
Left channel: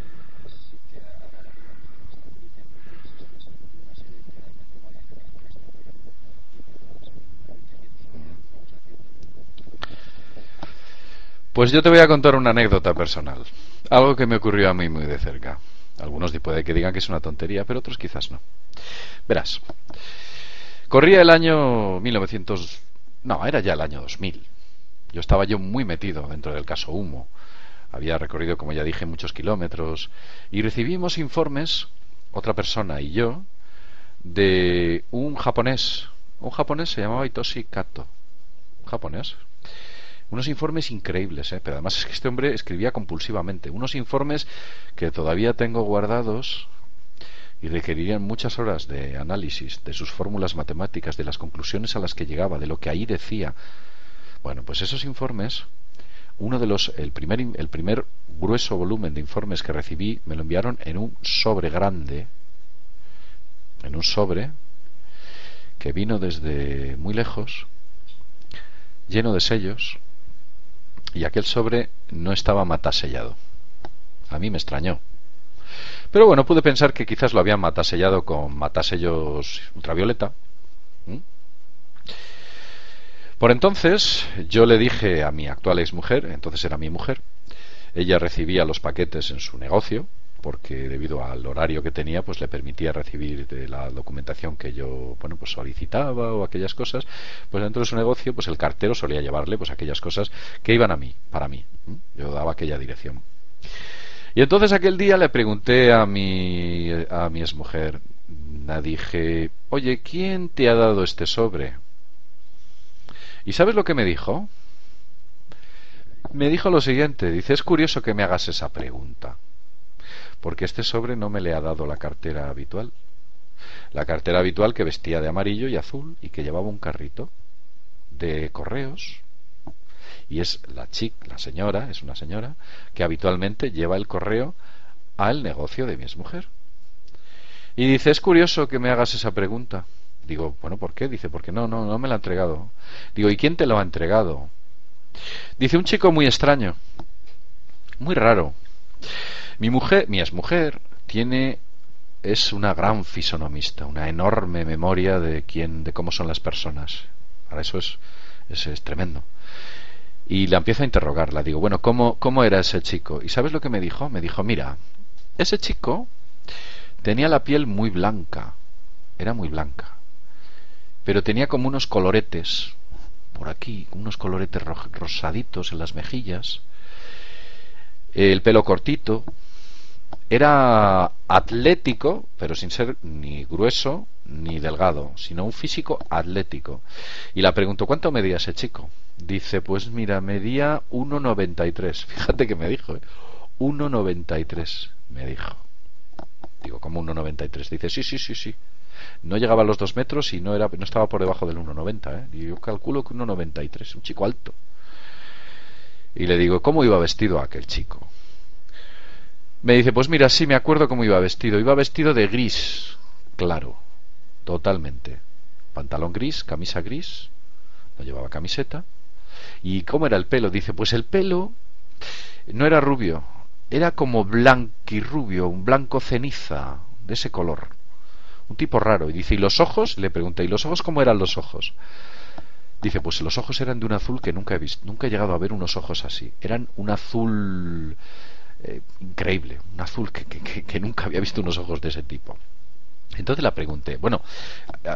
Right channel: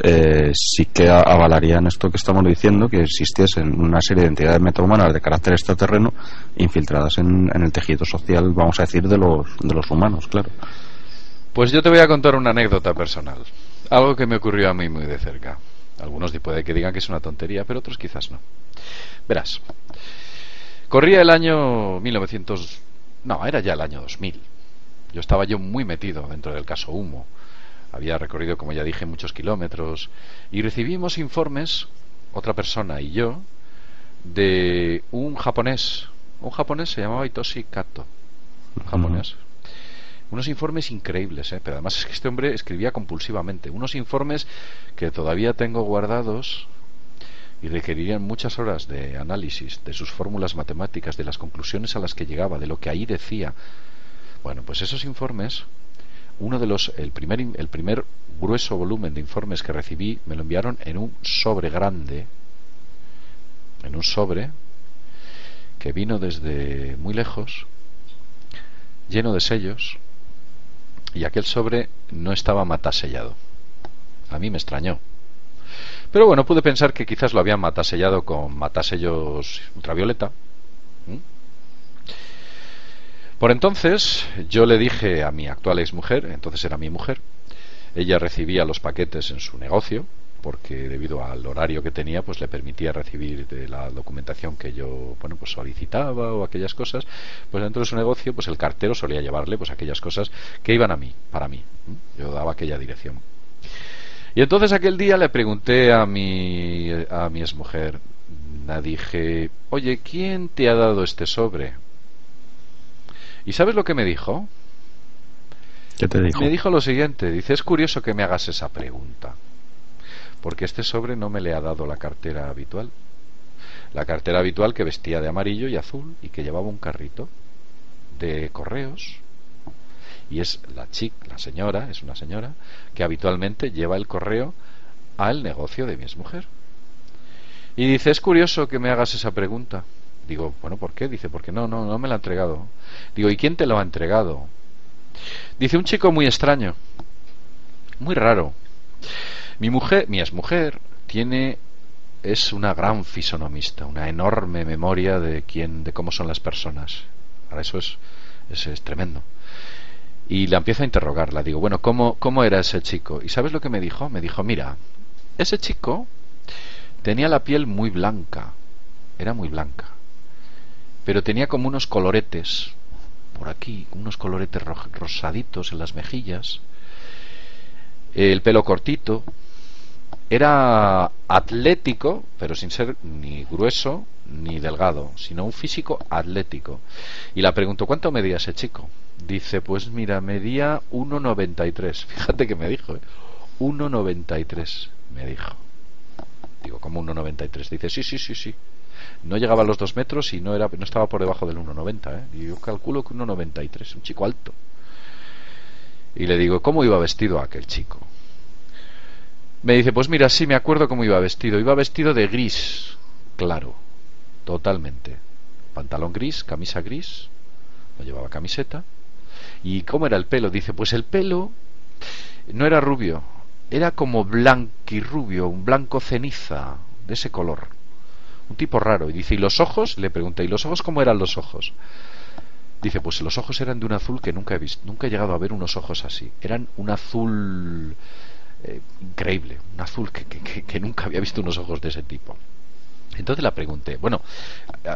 sí que avalarían esto que estamos diciendo, que existiesen una serie de entidades metahumanas de carácter extraterreno infiltradas en el tejido social, vamos a decir, de los humanos, claro. Pues yo te voy a contar una anécdota personal, algo que me ocurrió a mí muy de cerca. Algunos puede que digan que es una tontería, pero otros quizás no. Verás, corría el año 1900, no, era ya el año 2000. Yo estaba muy metido dentro del caso Humo. Había recorrido, como ya dije, muchos kilómetros y recibimos informes, otra persona y yo, de un japonés. Un japonés se llamaba Hitoshi Kato, un japonés. Unos informes increíbles, pero además es que este hombre escribía compulsivamente. Unos informes que todavía tengo guardados, y requerirían muchas horas de análisis de sus fórmulas matemáticas, de las conclusiones a las que llegaba, de lo que ahí decía. Bueno, pues esos informes, el primer grueso volumen de informes que recibí, me lo enviaron en un sobre grande, en un sobre que vino desde muy lejos, lleno de sellos, y aquel sobre no estaba matasellado. A mí me extrañó. Pero bueno, pude pensar que quizás lo habían matasellado con matasellos ultravioleta. Por entonces yo le dije a mi actual exmujer, entonces era mi mujer, ella recibía los paquetes en su negocio, porque debido al horario que tenía, pues le permitía recibir de la documentación que yo, bueno, pues solicitaba o aquellas cosas. Pues dentro de su negocio, pues el cartero solía llevarle pues aquellas cosas que iban a mí, para mí. Yo daba aquella dirección. Y entonces aquel día le pregunté a mi exmujer, la dije, oye, ¿quién te ha dado este sobre? ¿Y sabes lo que me dijo? ¿Qué te dijo? Me dijo lo siguiente, dice, es curioso que me hagas esa pregunta, porque este sobre no me le ha dado la cartera habitual. La cartera habitual que vestía de amarillo y azul y que llevaba un carrito de correos. Y es la señora, es una señora que habitualmente lleva el correo al negocio de mi exmujer. Y dice, es curioso que me hagas esa pregunta. Digo, bueno, ¿por qué? Dice, porque no me la ha entregado. Digo, ¿y quién te lo ha entregado? Dice, un chico muy extraño, muy raro. Mi exmujer es una gran fisonomista, una enorme memoria de cómo son las personas. Ahora eso es tremendo. Y la empiezo a interrogar, la digo, bueno, ¿cómo era ese chico? ¿Y sabes lo que me dijo? Me dijo, mira, ese chico tenía la piel muy blanca, era muy blanca, pero tenía como unos coloretes por aquí, unos coloretes rosaditos en las mejillas, el pelo cortito, era atlético, pero sin ser ni grueso ni delgado, sino un físico atlético. Y la pregunto, ¿cuánto medía ese chico? Dice, pues mira, medía 1,93. Fíjate que me dijo, 1,93 me dijo. Digo, ¿cómo 1,93? Dice, sí. No llegaba a los 2 metros y no estaba por debajo del 1,90, Y yo calculo que 1,93, un chico alto. Y le digo, ¿cómo iba vestido aquel chico? Me dice, pues mira, sí me acuerdo cómo iba vestido. Iba vestido de gris, claro, totalmente. Pantalón gris, camisa gris, no llevaba camiseta. ¿Y cómo era el pelo? Dice, pues el pelo no era rubio, era como blanquirrubio, un blanco ceniza, de ese color. Un tipo raro. Y dice, ¿y los ojos? Le pregunté, ¿y los ojos cómo eran los ojos? Dice, pues los ojos eran de un azul que nunca he visto, nunca he llegado a ver unos ojos así. Eran un azul increíble, un azul que nunca había visto unos ojos de ese tipo. Entonces la pregunté, bueno,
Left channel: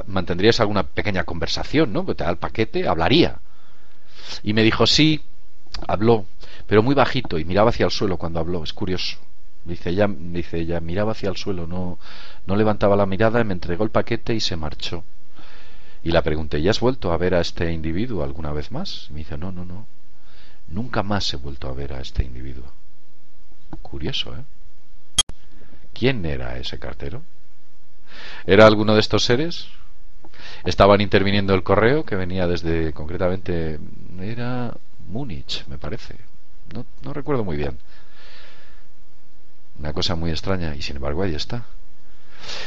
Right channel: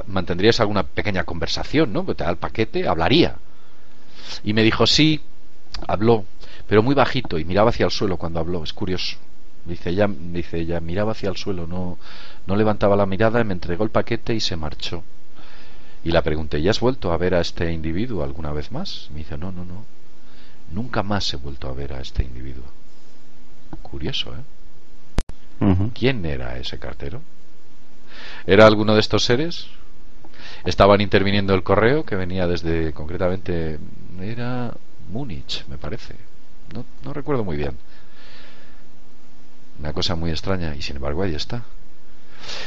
¿mantendrías alguna pequeña conversación, no? Porque te da el paquete, hablaría. Y me dijo, sí, habló, pero muy bajito y miraba hacia el suelo cuando habló, es curioso. Dice ella miraba hacia el suelo, no levantaba la mirada, y me entregó el paquete y se marchó. Y la pregunté, ¿ya has vuelto a ver a este individuo alguna vez más? Y me dice, no, nunca más he vuelto a ver a este individuo. Curioso, ¿Quién era ese cartero? ¿Era alguno de estos seres? Estaban interviniendo el correo que venía desde, concretamente, era Múnich, me parece. No recuerdo muy bien. Una cosa muy extraña, y sin embargo ahí está.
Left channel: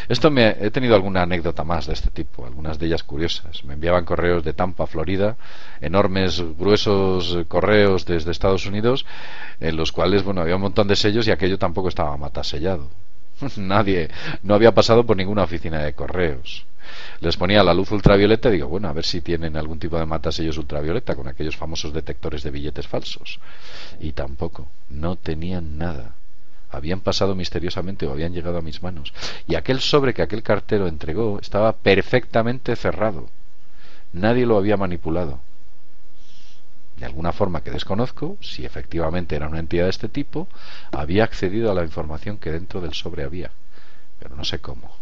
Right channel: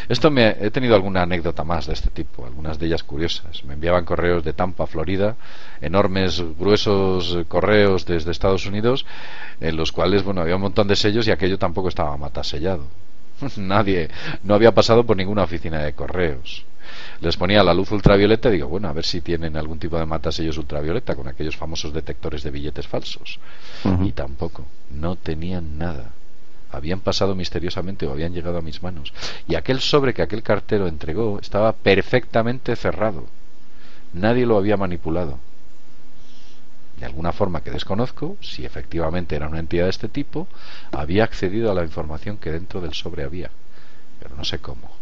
He tenido alguna anécdota más de este tipo, algunas de ellas curiosas. Me enviaban correos de Tampa, Florida, enormes, gruesos correos desde Estados Unidos, en los cuales, bueno, había un montón de sellos y aquello tampoco estaba matasellado. Nadie, no había pasado por ninguna oficina de correos. Les ponía la luz ultravioleta y digo, bueno, a ver si tienen algún tipo de matasellos ultravioleta con aquellos famosos detectores de billetes falsos. Y tampoco, no tenían nada. Habían pasado misteriosamente o habían llegado a mis manos. Y aquel sobre que aquel cartero entregó estaba perfectamente cerrado. Nadie lo había manipulado. De alguna forma que desconozco, si efectivamente era una entidad de este tipo, había accedido a la información que dentro del sobre había. Pero no sé cómo.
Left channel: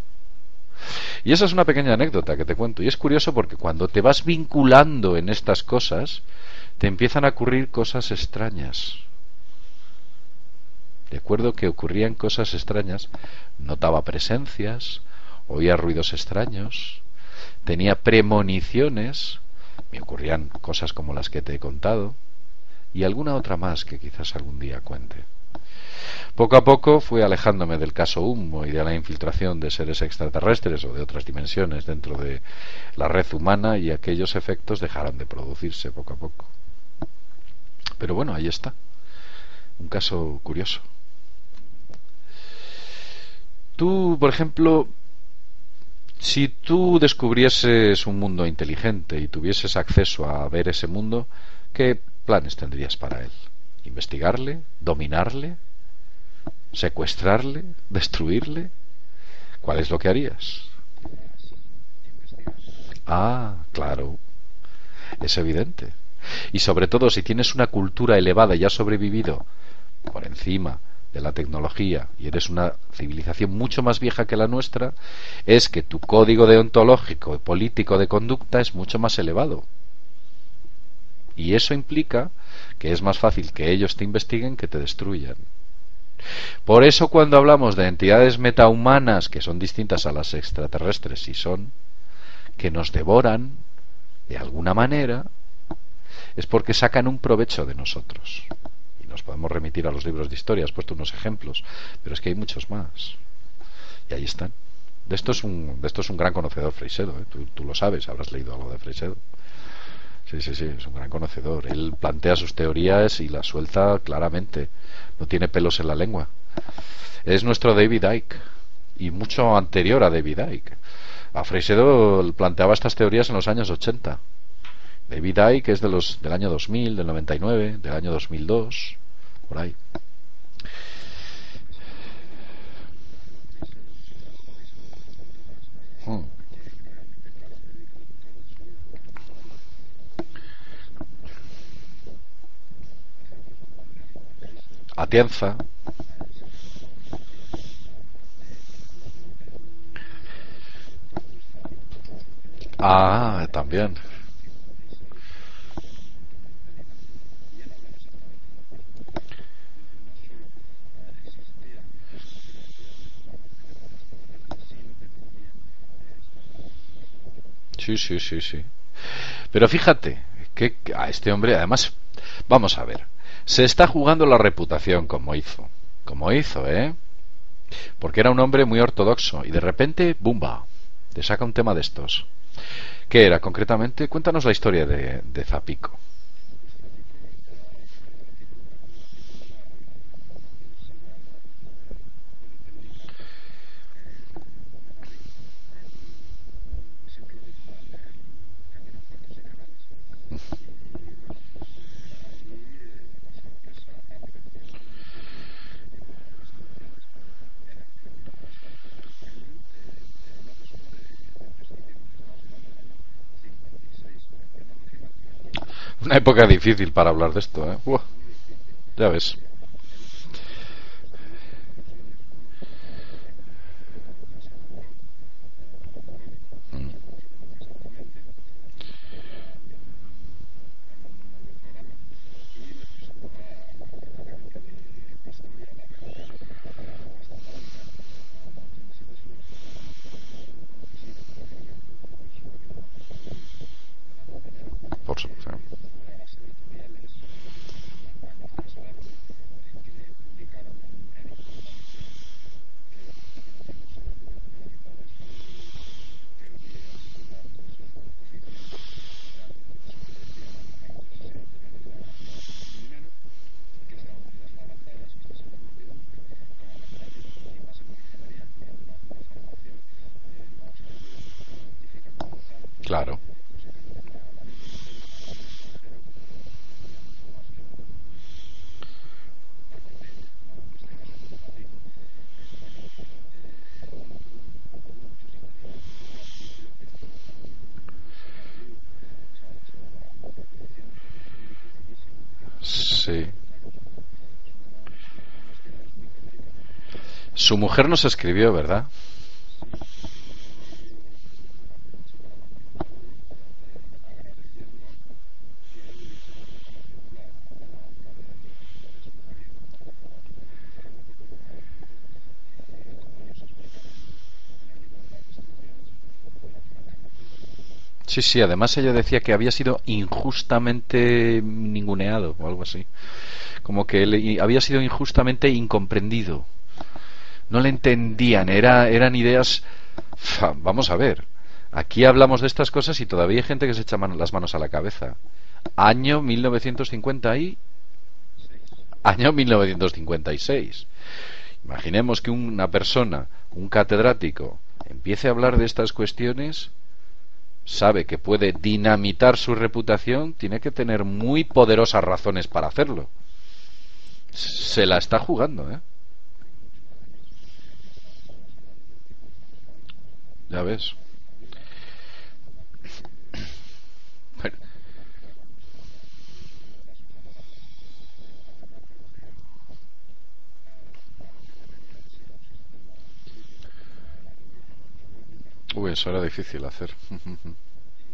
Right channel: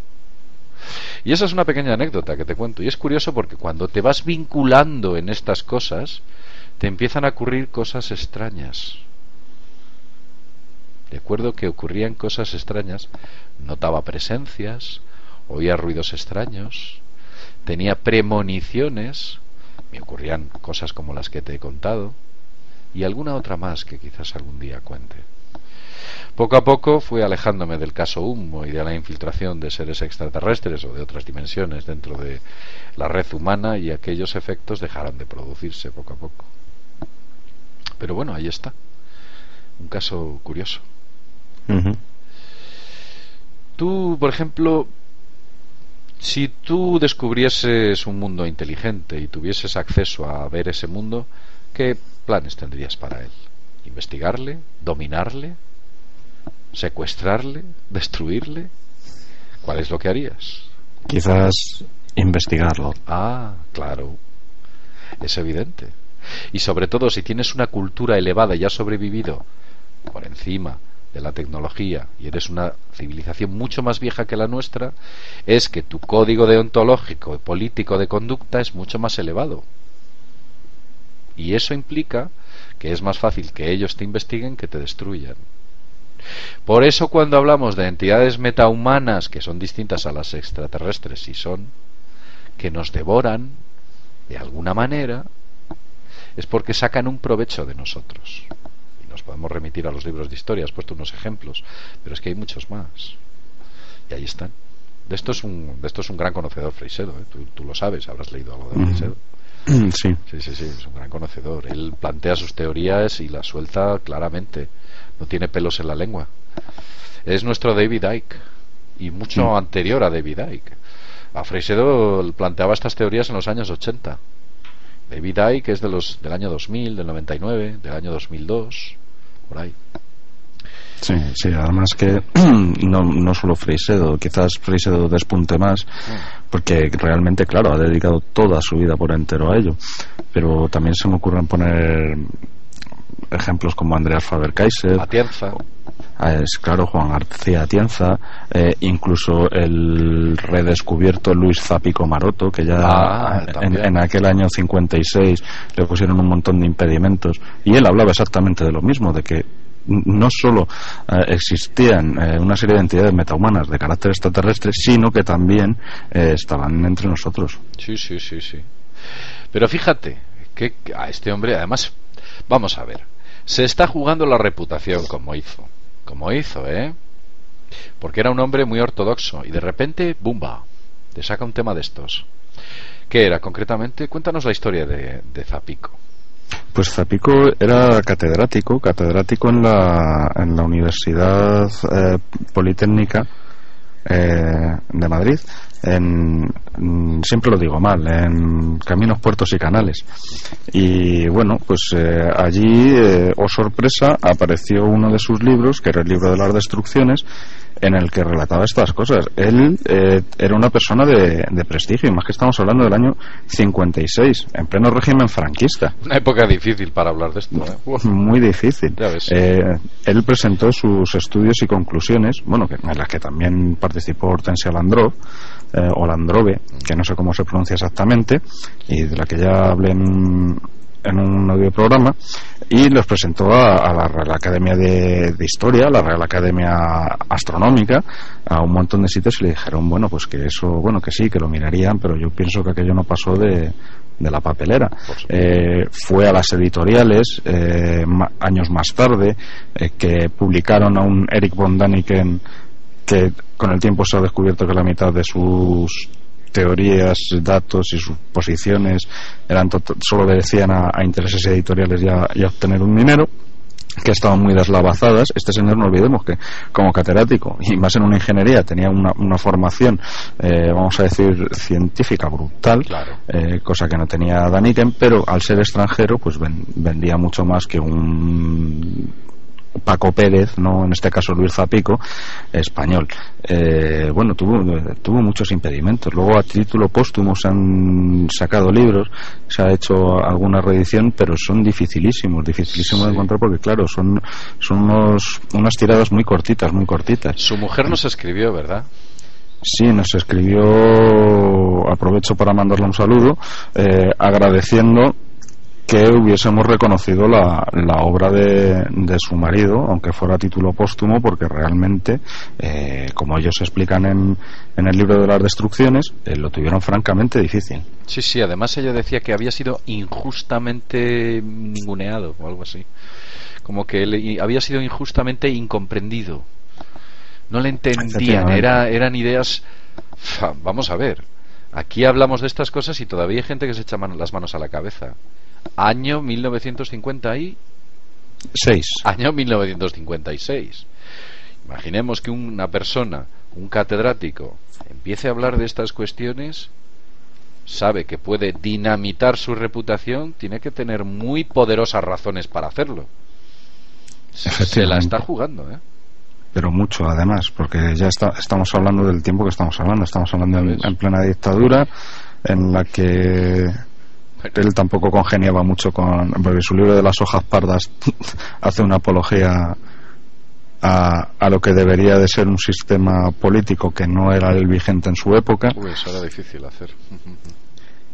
Y esa es una pequeña anécdota que te cuento. Y es curioso porque cuando te vas vinculando en estas cosas, te empiezan a ocurrir cosas extrañas. Recuerdo que ocurrían cosas extrañas, notaba presencias, oía ruidos extraños, tenía premoniciones, me ocurrían cosas como las que te he contado y alguna otra más que quizás algún día cuente. Poco a poco fui alejándome del caso Humo y de la infiltración de seres extraterrestres o de otras dimensiones dentro de la red humana, y aquellos efectos dejaron de producirse poco a poco. Pero bueno, ahí está, un caso curioso. Ujú. Tú, por ejemplo, si tú descubrieses un mundo inteligente y tuvieses acceso a ver ese mundo, ¿qué planes tendrías para él? ¿Investigarle? ¿Dominarle? ¿Secuestrarle? ¿Destruirle? ¿Cuál es lo que harías? Quizás investigarlo. Ah, claro, es evidente. Y sobre todo, si tienes una cultura elevada y has sobrevivido por encima de la tecnología y eres una civilización mucho más vieja que la nuestra, es que tu código deontológico y político de conducta es mucho más elevado. Y eso implica que es más fácil que ellos te investiguen que te destruyan. Por eso, cuando hablamos de entidades metahumanas que son distintas a las extraterrestres, y son que nos devoran de alguna manera, es porque sacan un provecho de nosotros. Y nos podemos remitir a los libros de historia, has puesto unos ejemplos, pero es que hay muchos más. Y ahí están. De esto es un gran conocedor Freixedo, ¿eh? Tú lo sabes, habrás leído algo de Freixedo. Sí. Sí, es un gran conocedor. Él plantea sus teorías y las suelta claramente. No tiene pelos en la lengua. Es nuestro David Icke, y mucho anterior a David Icke. A Freixedo planteaba estas teorías en los años 80. David Icke es del año 2000, del 99, del año 2002, por ahí. Sí, además que no solo Freixedo, quizás Freixedo despunte más, porque realmente, claro, ha dedicado toda su vida por entero a ello, pero también se me ocurren poner ejemplos como Andreas Faber-Kaiser, Atienza, es claro, Juan García Atienza, incluso el redescubierto Luis Zapico Maroto, que ya en aquel año 56 le pusieron un montón de impedimentos, y él hablaba exactamente de lo mismo, de que no solo existían una serie de entidades metahumanas de carácter extraterrestre, sino que también estaban entre nosotros. Sí. Pero fíjate que a este hombre, además, vamos a ver, se está jugando la reputación como hizo, porque era un hombre muy ortodoxo y de repente, ¡bumba!, te saca un tema de estos. ¿Qué era concretamente? Cuéntanos la historia de Zapico. Pues Zapico era catedrático en la Universidad Politécnica de Madrid, siempre lo digo mal, en Caminos, Puertos y Canales. Y bueno, pues allí, oh sorpresa, apareció uno de sus libros, que era el libro de las destrucciones, en el que relataba estas cosas. Él era una persona de prestigio, y más que estamos hablando del año 56, en pleno régimen franquista. Una época difícil para hablar de esto, ¿eh? Muy difícil. Ya ves. Él presentó sus estudios y conclusiones, bueno, en las que también participó Hortensia Landrov, o Landrove, que no sé cómo se pronuncia exactamente, y de la que ya hablé en un audioprograma, y los presentó a la Real Academia de Historia, a la Real Academia Astronómica, a un montón de sitios, y le dijeron, bueno, pues que eso, bueno, que sí, que lo mirarían, pero yo pienso que aquello no pasó de la papelera. Fue a las editoriales años más tarde, que publicaron a un Eric von Daniken, que con el tiempo se ha descubierto que la mitad de sus teorías, datos y sus posiciones solo obedecían a intereses editoriales y a obtener un dinero, que estaban muy deslavazadas. Este señor, no olvidemos que como catedrático, y más en una ingeniería, tenía una formación, vamos a decir, científica brutal, claro. Cosa que no tenía Daniken, pero al ser extranjero pues vendía mucho más que un Paco Pérez, no, en este caso Luis Zapico, español. Bueno, tuvo muchos impedimentos. Luego, a título póstumo, se han sacado libros, se ha hecho alguna reedición, pero son dificilísimos de encontrar, porque claro, son unas tiradas muy cortitas. Su mujer nos escribió, ¿verdad? Sí, nos escribió, aprovecho para mandarle un saludo, agradeciendo que hubiésemos reconocido la obra de su marido, aunque fuera a título póstumo, porque realmente, como ellos explican en el libro de las destrucciones, lo tuvieron francamente difícil. Sí, sí, además ella decía que había sido injustamente ninguneado o algo así. Como que había sido injustamente incomprendido. No le entendían, eran ideas... Vamos a ver, aquí hablamos de estas cosas y todavía hay gente que se echa las manos a la cabeza. Año 1956. Año 1956. Imaginemos que una persona, un catedrático, empiece a hablar de estas cuestiones, sabe que puede dinamitar su reputación, tiene que tener muy poderosas razones para hacerlo. Se la está jugando, ¿eh? Pero mucho, además, porque ya estamos hablando del tiempo que estamos hablando en plena dictadura, en la que él tampoco congeniaba mucho porque su libro de las hojas pardas hace una apología a lo que debería de ser un sistema político que no era el vigente en su época. Eso era difícil hacer.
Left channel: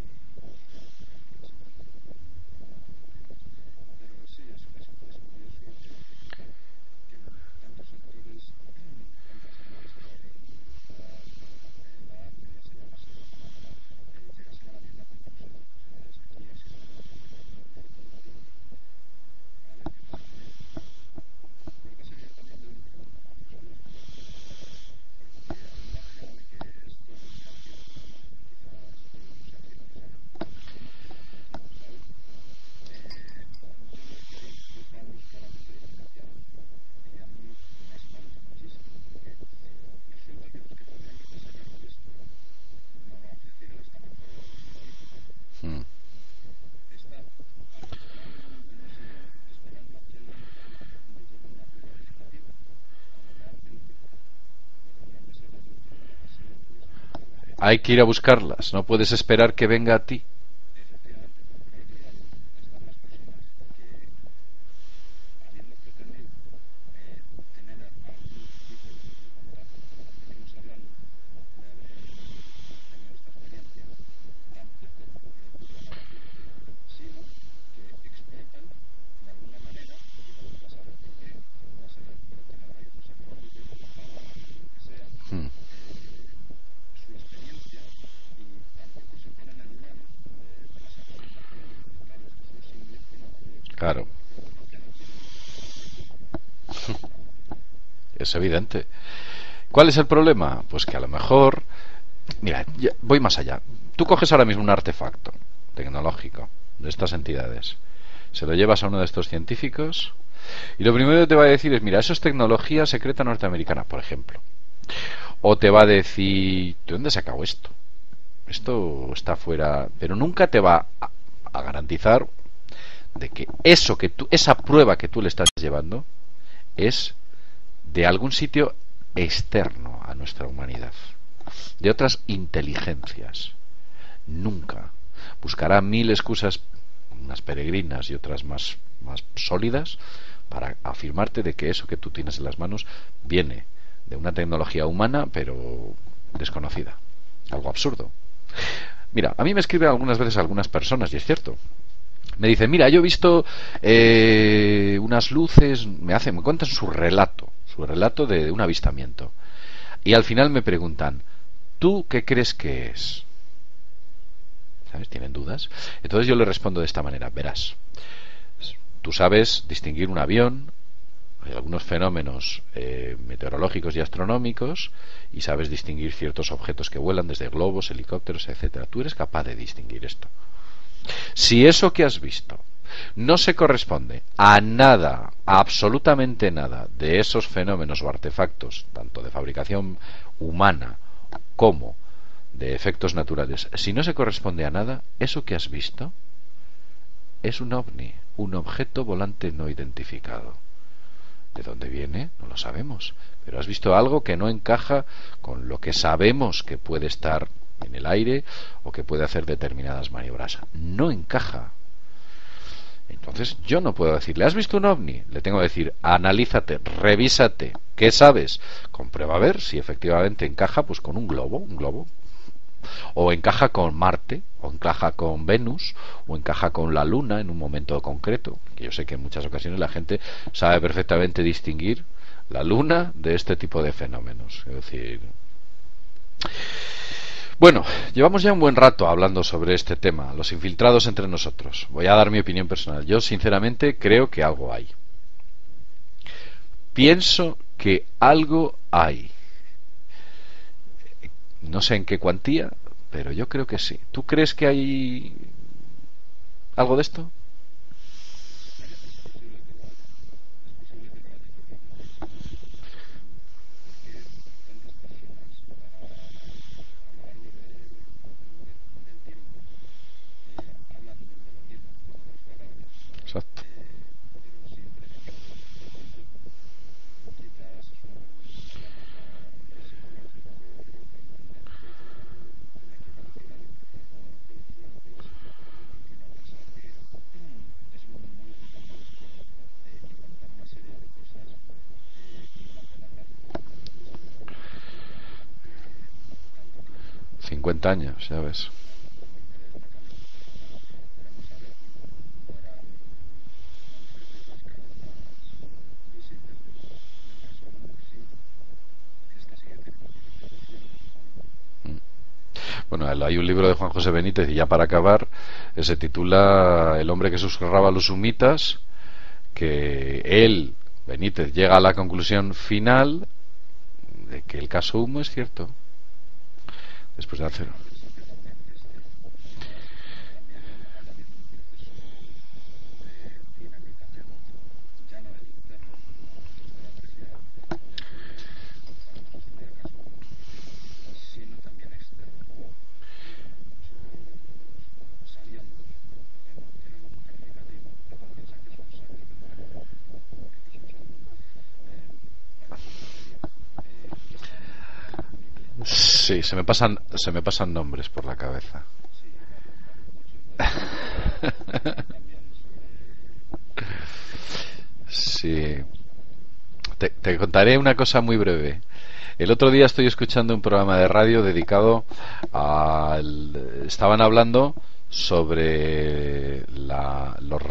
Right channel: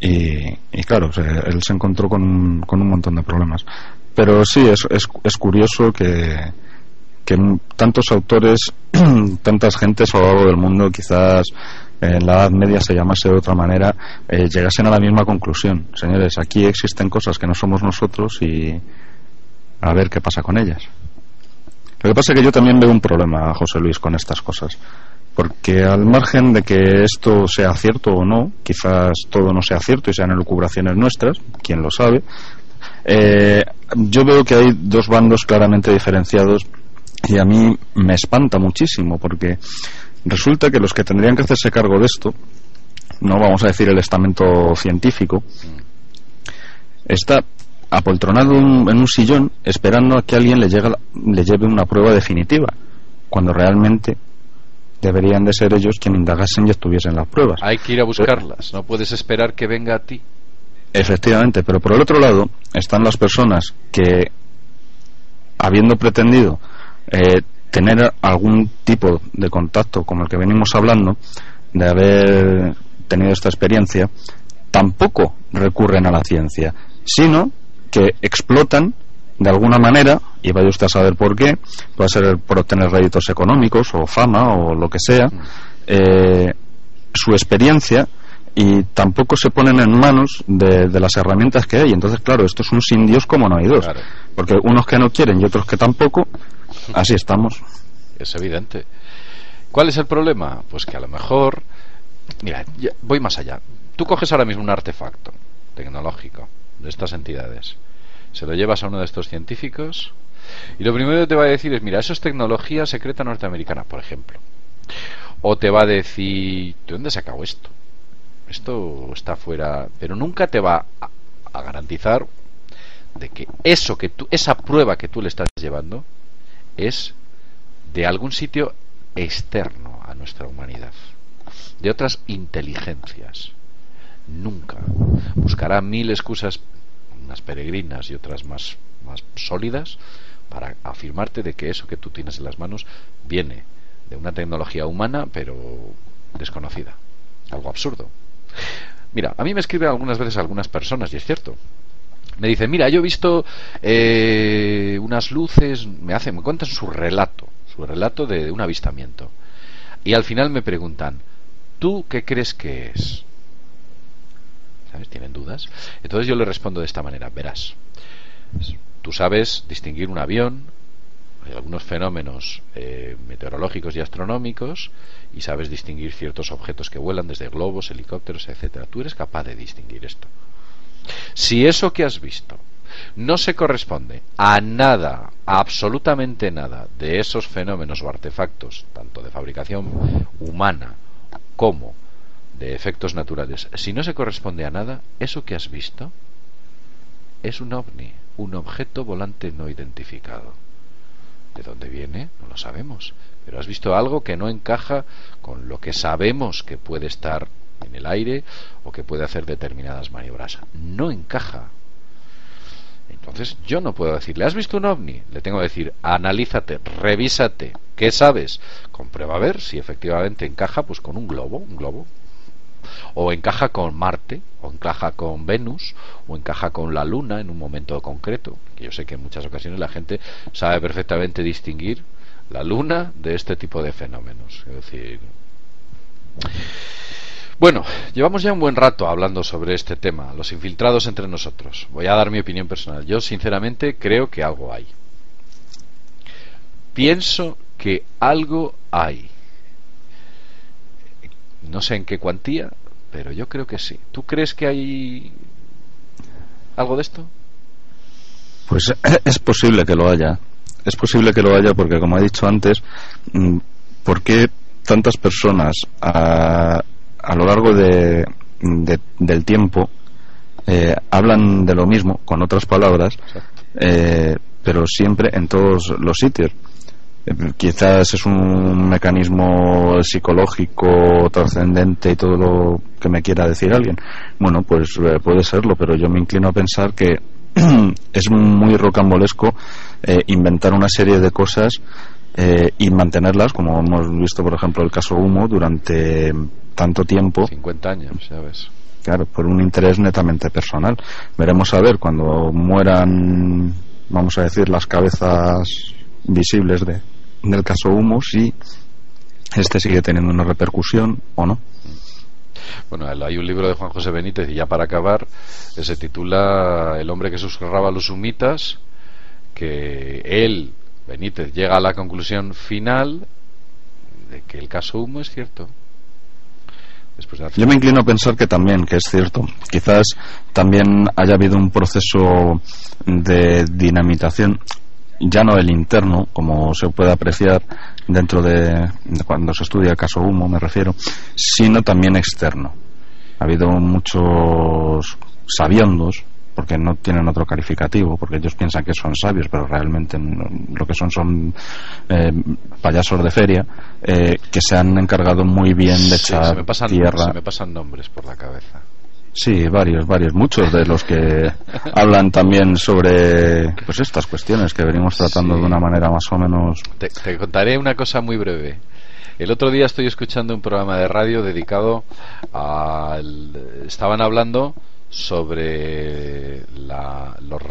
Y claro, él se encontró con un montón de problemas. Pero sí, es curioso que tantos autores, tantas gentes a lo largo del mundo, quizás en la Edad Media se llamase de otra manera, llegasen a la misma conclusión. Señores, aquí existen cosas que no somos nosotros y a ver qué pasa con ellas. Lo que pasa es que yo también veo un problema, José Luis, con estas cosas, porque al margen de que esto sea cierto o no, quizás todo no sea cierto y sean elucubraciones nuestras, quién lo sabe, yo veo que hay dos bandos claramente diferenciados y a mí me espanta muchísimo, porque resulta que los que tendrían que hacerse cargo de esto, no vamos a decir el estamento científico, está apoltronado en un sillón esperando a que alguien le lleve una prueba definitiva, cuando realmente deberían de ser ellos quienes indagasen y estuviesen las pruebas. Hay que ir a buscarlas, no puedes esperar que venga a ti. Efectivamente, pero por el otro lado están las personas que, habiendo pretendido tener algún tipo de contacto como el que venimos hablando, de haber tenido esta experiencia, tampoco recurren a la ciencia, sino que explotan de alguna manera, y vaya usted a saber por qué, puede ser por obtener réditos económicos o fama o lo que sea, su experiencia, y tampoco se ponen en manos de las herramientas que hay. Entonces, claro, esto es un sin Dios como no hay dos, claro. Porque unos que no quieren y otros que tampoco, así estamos. Es evidente. ¿Cuál es el problema? Pues que a lo mejor, mira, voy más allá. Tú coges ahora mismo un artefacto tecnológico de estas entidades, se lo llevas a uno de estos científicos y lo primero que te va a decir es: mira, eso es tecnología secreta norteamericana, por ejemplo. O te va a decir: ¿de dónde has sacado esto? Esto está fuera. Pero nunca te va a garantizar de que eso que tú, esa prueba que tú le estás llevando, es de algún sitio externo a nuestra humanidad, de otras inteligencias. Nunca. Buscará mil excusas, unas peregrinas y otras más sólidas, para afirmarte de que eso que tú tienes en las manos viene de una tecnología humana pero desconocida. Algo absurdo. Mira, a mí me escriben algunas veces algunas personas, y es cierto. Me dicen: mira, yo he visto unas luces, me cuentan su relato de un avistamiento, y al final me preguntan: ¿tú qué crees que es? ¿Sabes? Tienen dudas. Entonces yo le respondo de esta manera: verás, tú sabes distinguir un avión, hay algunos fenómenos meteorológicos y astronómicos, y sabes distinguir ciertos objetos que vuelan, desde globos, helicópteros, etcétera. Tú eres capaz de distinguir esto. Si eso que has visto no se corresponde a nada, a absolutamente nada, de esos fenómenos o artefactos, tanto de fabricación humana como de efectos naturales, si no se corresponde a nada, eso que has visto es un ovni, un objeto volante no identificado. ¿De dónde viene? No lo sabemos, pero has visto algo que no encaja con lo que sabemos que puede estar en el aire o que puede hacer determinadas maniobras. No encaja. Entonces yo no puedo decirle: ¿has visto un ovni? Le tengo que decir: analízate, revísate, ¿qué sabes? Comprueba a ver si efectivamente encaja pues con un globo. o encaja con Marte, o encaja con Venus, o encaja con la Luna en un momento concreto, que yo sé que en muchas ocasiones la gente sabe perfectamente distinguir la Luna de este tipo de fenómenos. Es decir, bueno, llevamos ya un buen rato hablando sobre este tema, los infiltrados entre nosotros. Voy a dar mi opinión personal. Yo sinceramente creo que algo hay. Pienso que algo hay. No sé en qué cuantía, pero yo creo que sí. ¿Tú crees que hay algo de esto? Pues es posible que lo haya. Es posible que lo haya porque, como he dicho antes, ¿por qué tantas personas a lo largo del tiempo hablan de lo mismo, con otras palabras, pero siempre en todos los sitios? Quizás es un mecanismo psicológico trascendente y todo lo que me quiera decir alguien. Bueno, pues puede serlo, pero yo me inclino a pensar que es muy rocambolesco inventar una serie de cosas y mantenerlas, como hemos visto, por ejemplo, el caso Humo, durante tanto tiempo. 50 años, ya ves. Claro, por un interés netamente personal. Veremos a ver cuando mueran, vamos a decir, las cabezas visibles del caso Humo, si este sigue teniendo una repercusión o no. Bueno, hay un libro de Juan José Benítez, y ya para acabar, que se titula El hombre que susurraba a los humitas, que él, Benítez, llega a la conclusión final de que el caso Humo es cierto. Yo me inclino a pensar que también, que es cierto. Quizás también haya habido un proceso de dinamitación, ya no el interno, como se puede apreciar dentro de cuando se estudia el caso Humo, me refiero, sino también externo. Ha habido muchos sabiondos, porque no tienen otro calificativo, porque ellos piensan que son sabios, pero realmente lo que son payasos de feria, que se han encargado muy bien de echar tierra. Se me pasan nombres por la cabeza. Sí, varios, muchos de los que hablan también sobre pues estas cuestiones que venimos tratando de una manera más o menos. Te contaré una cosa muy breve. El otro día estoy escuchando un programa de radio dedicado estaban hablando sobre los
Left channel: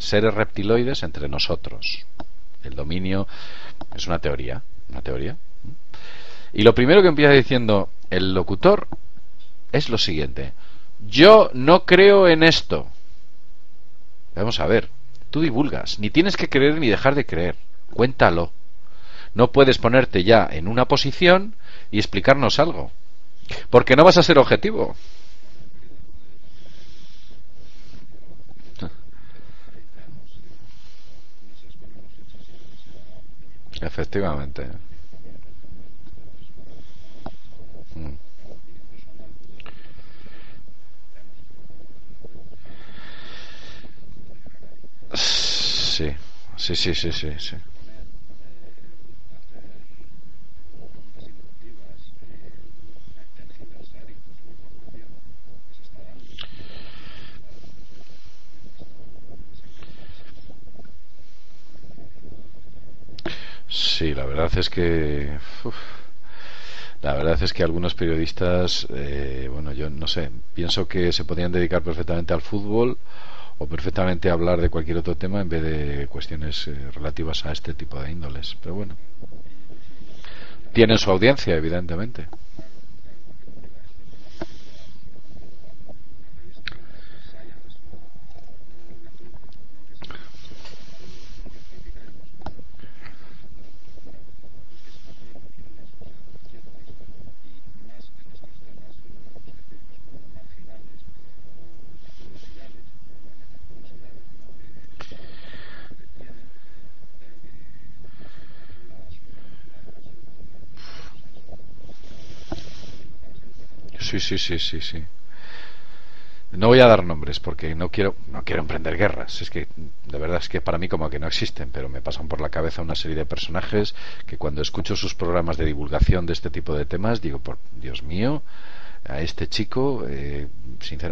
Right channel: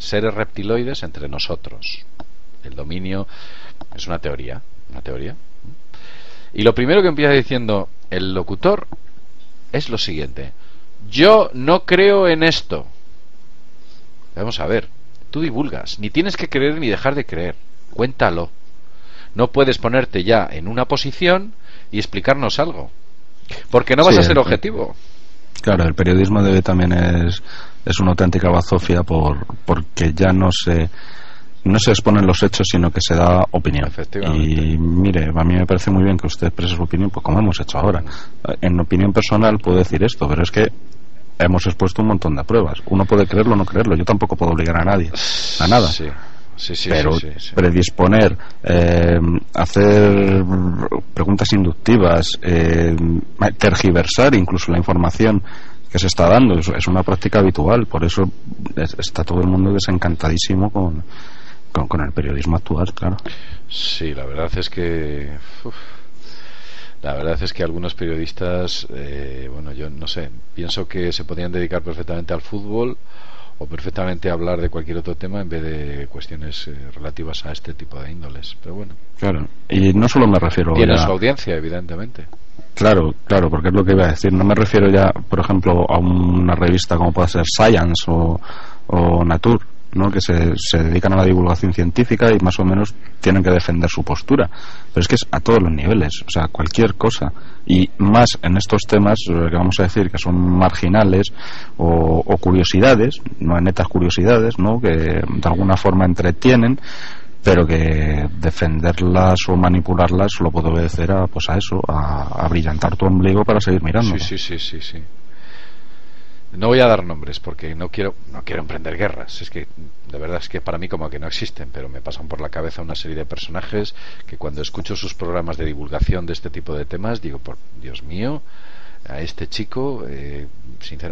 seres reptiloides entre nosotros. El dominio es una teoría. Y lo primero que empieza diciendo el locutor es lo siguiente: yo no creo en esto. Vamos a ver, tú divulgas, ni tienes que creer ni dejar de creer, cuéntalo. No puedes ponerte ya en una posición y explicarnos algo, porque no vas a ser objetivo. Claro, el periodismo de hoy también es una auténtica bazofia porque ya no se exponen los hechos, sino que se da opinión. Efectivamente. Y mire, a mí me parece muy bien que usted exprese su opinión, pues como hemos hecho ahora. En opinión personal puedo decir esto, pero es que hemos expuesto un montón de pruebas. Uno puede creerlo o no creerlo. Yo tampoco puedo obligar a nadie a nada. Sí. Pero predisponer, hacer preguntas inductivas, tergiversar incluso la información que se está dando, es una práctica habitual. Por eso está todo el mundo desencantadísimo con el periodismo actual, claro. Sí, la verdad es que algunos periodistas, bueno, yo no sé, pienso que se podrían dedicar perfectamente al fútbol o perfectamente a hablar de cualquier otro tema en vez de cuestiones relativas a este tipo de índoles. Pero bueno, claro. Y no solo me refiero tienen su audiencia, evidentemente. Claro, porque es lo que iba a decir. No me refiero ya, por ejemplo, a una revista como puede ser Science o Nature, ¿no? Que se dedican a la divulgación científica y más o menos tienen que defender su postura. Pero es que es a todos los niveles, o sea, cualquier cosa. Y más en estos temas que vamos a decir que son marginales o curiosidades, no netas curiosidades, ¿no? Que de alguna forma entretienen, pero que defenderlas o manipularlas lo puedo obedecer a eso, a brillantar tu ombligo para seguir mirando. Sí. No voy a dar nombres porque no quiero emprender guerras. Es que de verdad es que para mí como que no existen, pero me pasan por la cabeza una serie de personajes que cuando escucho sus programas de divulgación de este tipo de temas digo, por Dios mío, a este chico,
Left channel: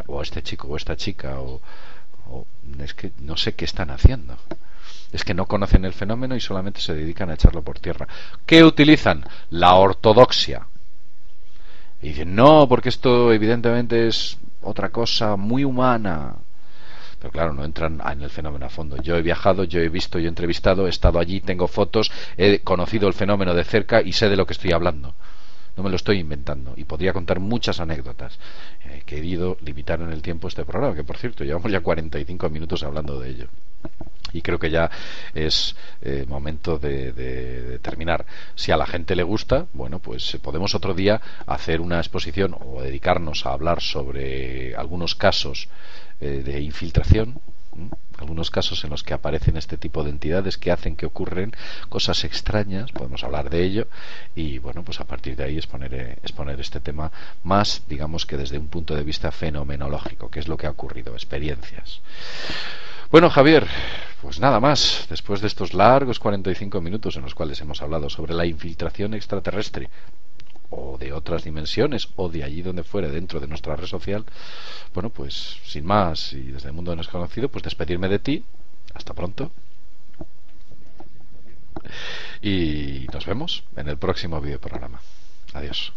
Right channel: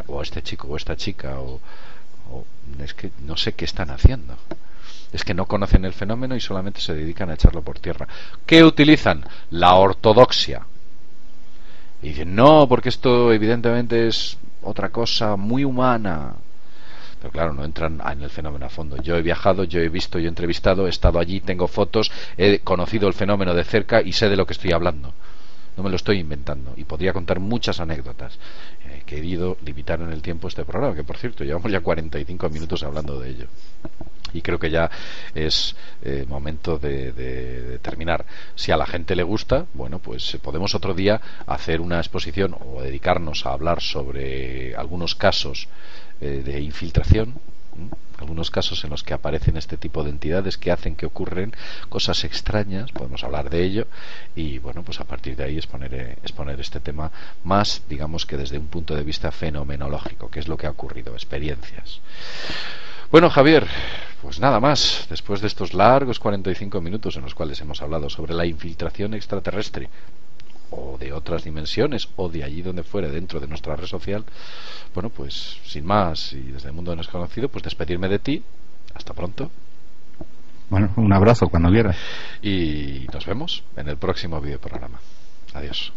o a este chico o esta chica, o es que no sé qué están haciendo. Es que no conocen el fenómeno y solamente se dedican a echarlo por tierra. ¿Qué utilizan? La ortodoxia. Y dicen, no, porque esto evidentemente es otra cosa muy humana. Pero claro, no entran en el fenómeno a fondo. Yo he viajado, yo he visto, yo he entrevistado, he estado allí, tengo fotos, he conocido el fenómeno de cerca y sé de lo que estoy hablando. No me lo estoy inventando. Y podría contar muchas anécdotas. He querido limitar en el tiempo este programa, que por cierto, llevamos ya 45 minutos hablando de ello. Y creo que ya es momento de terminar. Si a la gente le gusta, bueno, pues podemos otro día hacer una exposición o dedicarnos a hablar sobre algunos casos de infiltración, algunos casos en los que aparecen este tipo de entidades que hacen que ocurren cosas extrañas. Podemos hablar de ello y bueno, pues a partir de ahí exponer este tema más, digamos que desde un punto de vista fenomenológico, que es lo que ha ocurrido, experiencias. Bueno, Javier, pues nada más, después de estos largos 45 minutos en los cuales hemos hablado sobre la infiltración extraterrestre o de otras dimensiones o de allí donde fuere dentro de nuestra red social, bueno, pues sin más y desde el mundo desconocido, pues despedirme de ti. Hasta pronto. Bueno, un abrazo cuando quieras. Y nos vemos en el próximo videoprograma. Adiós.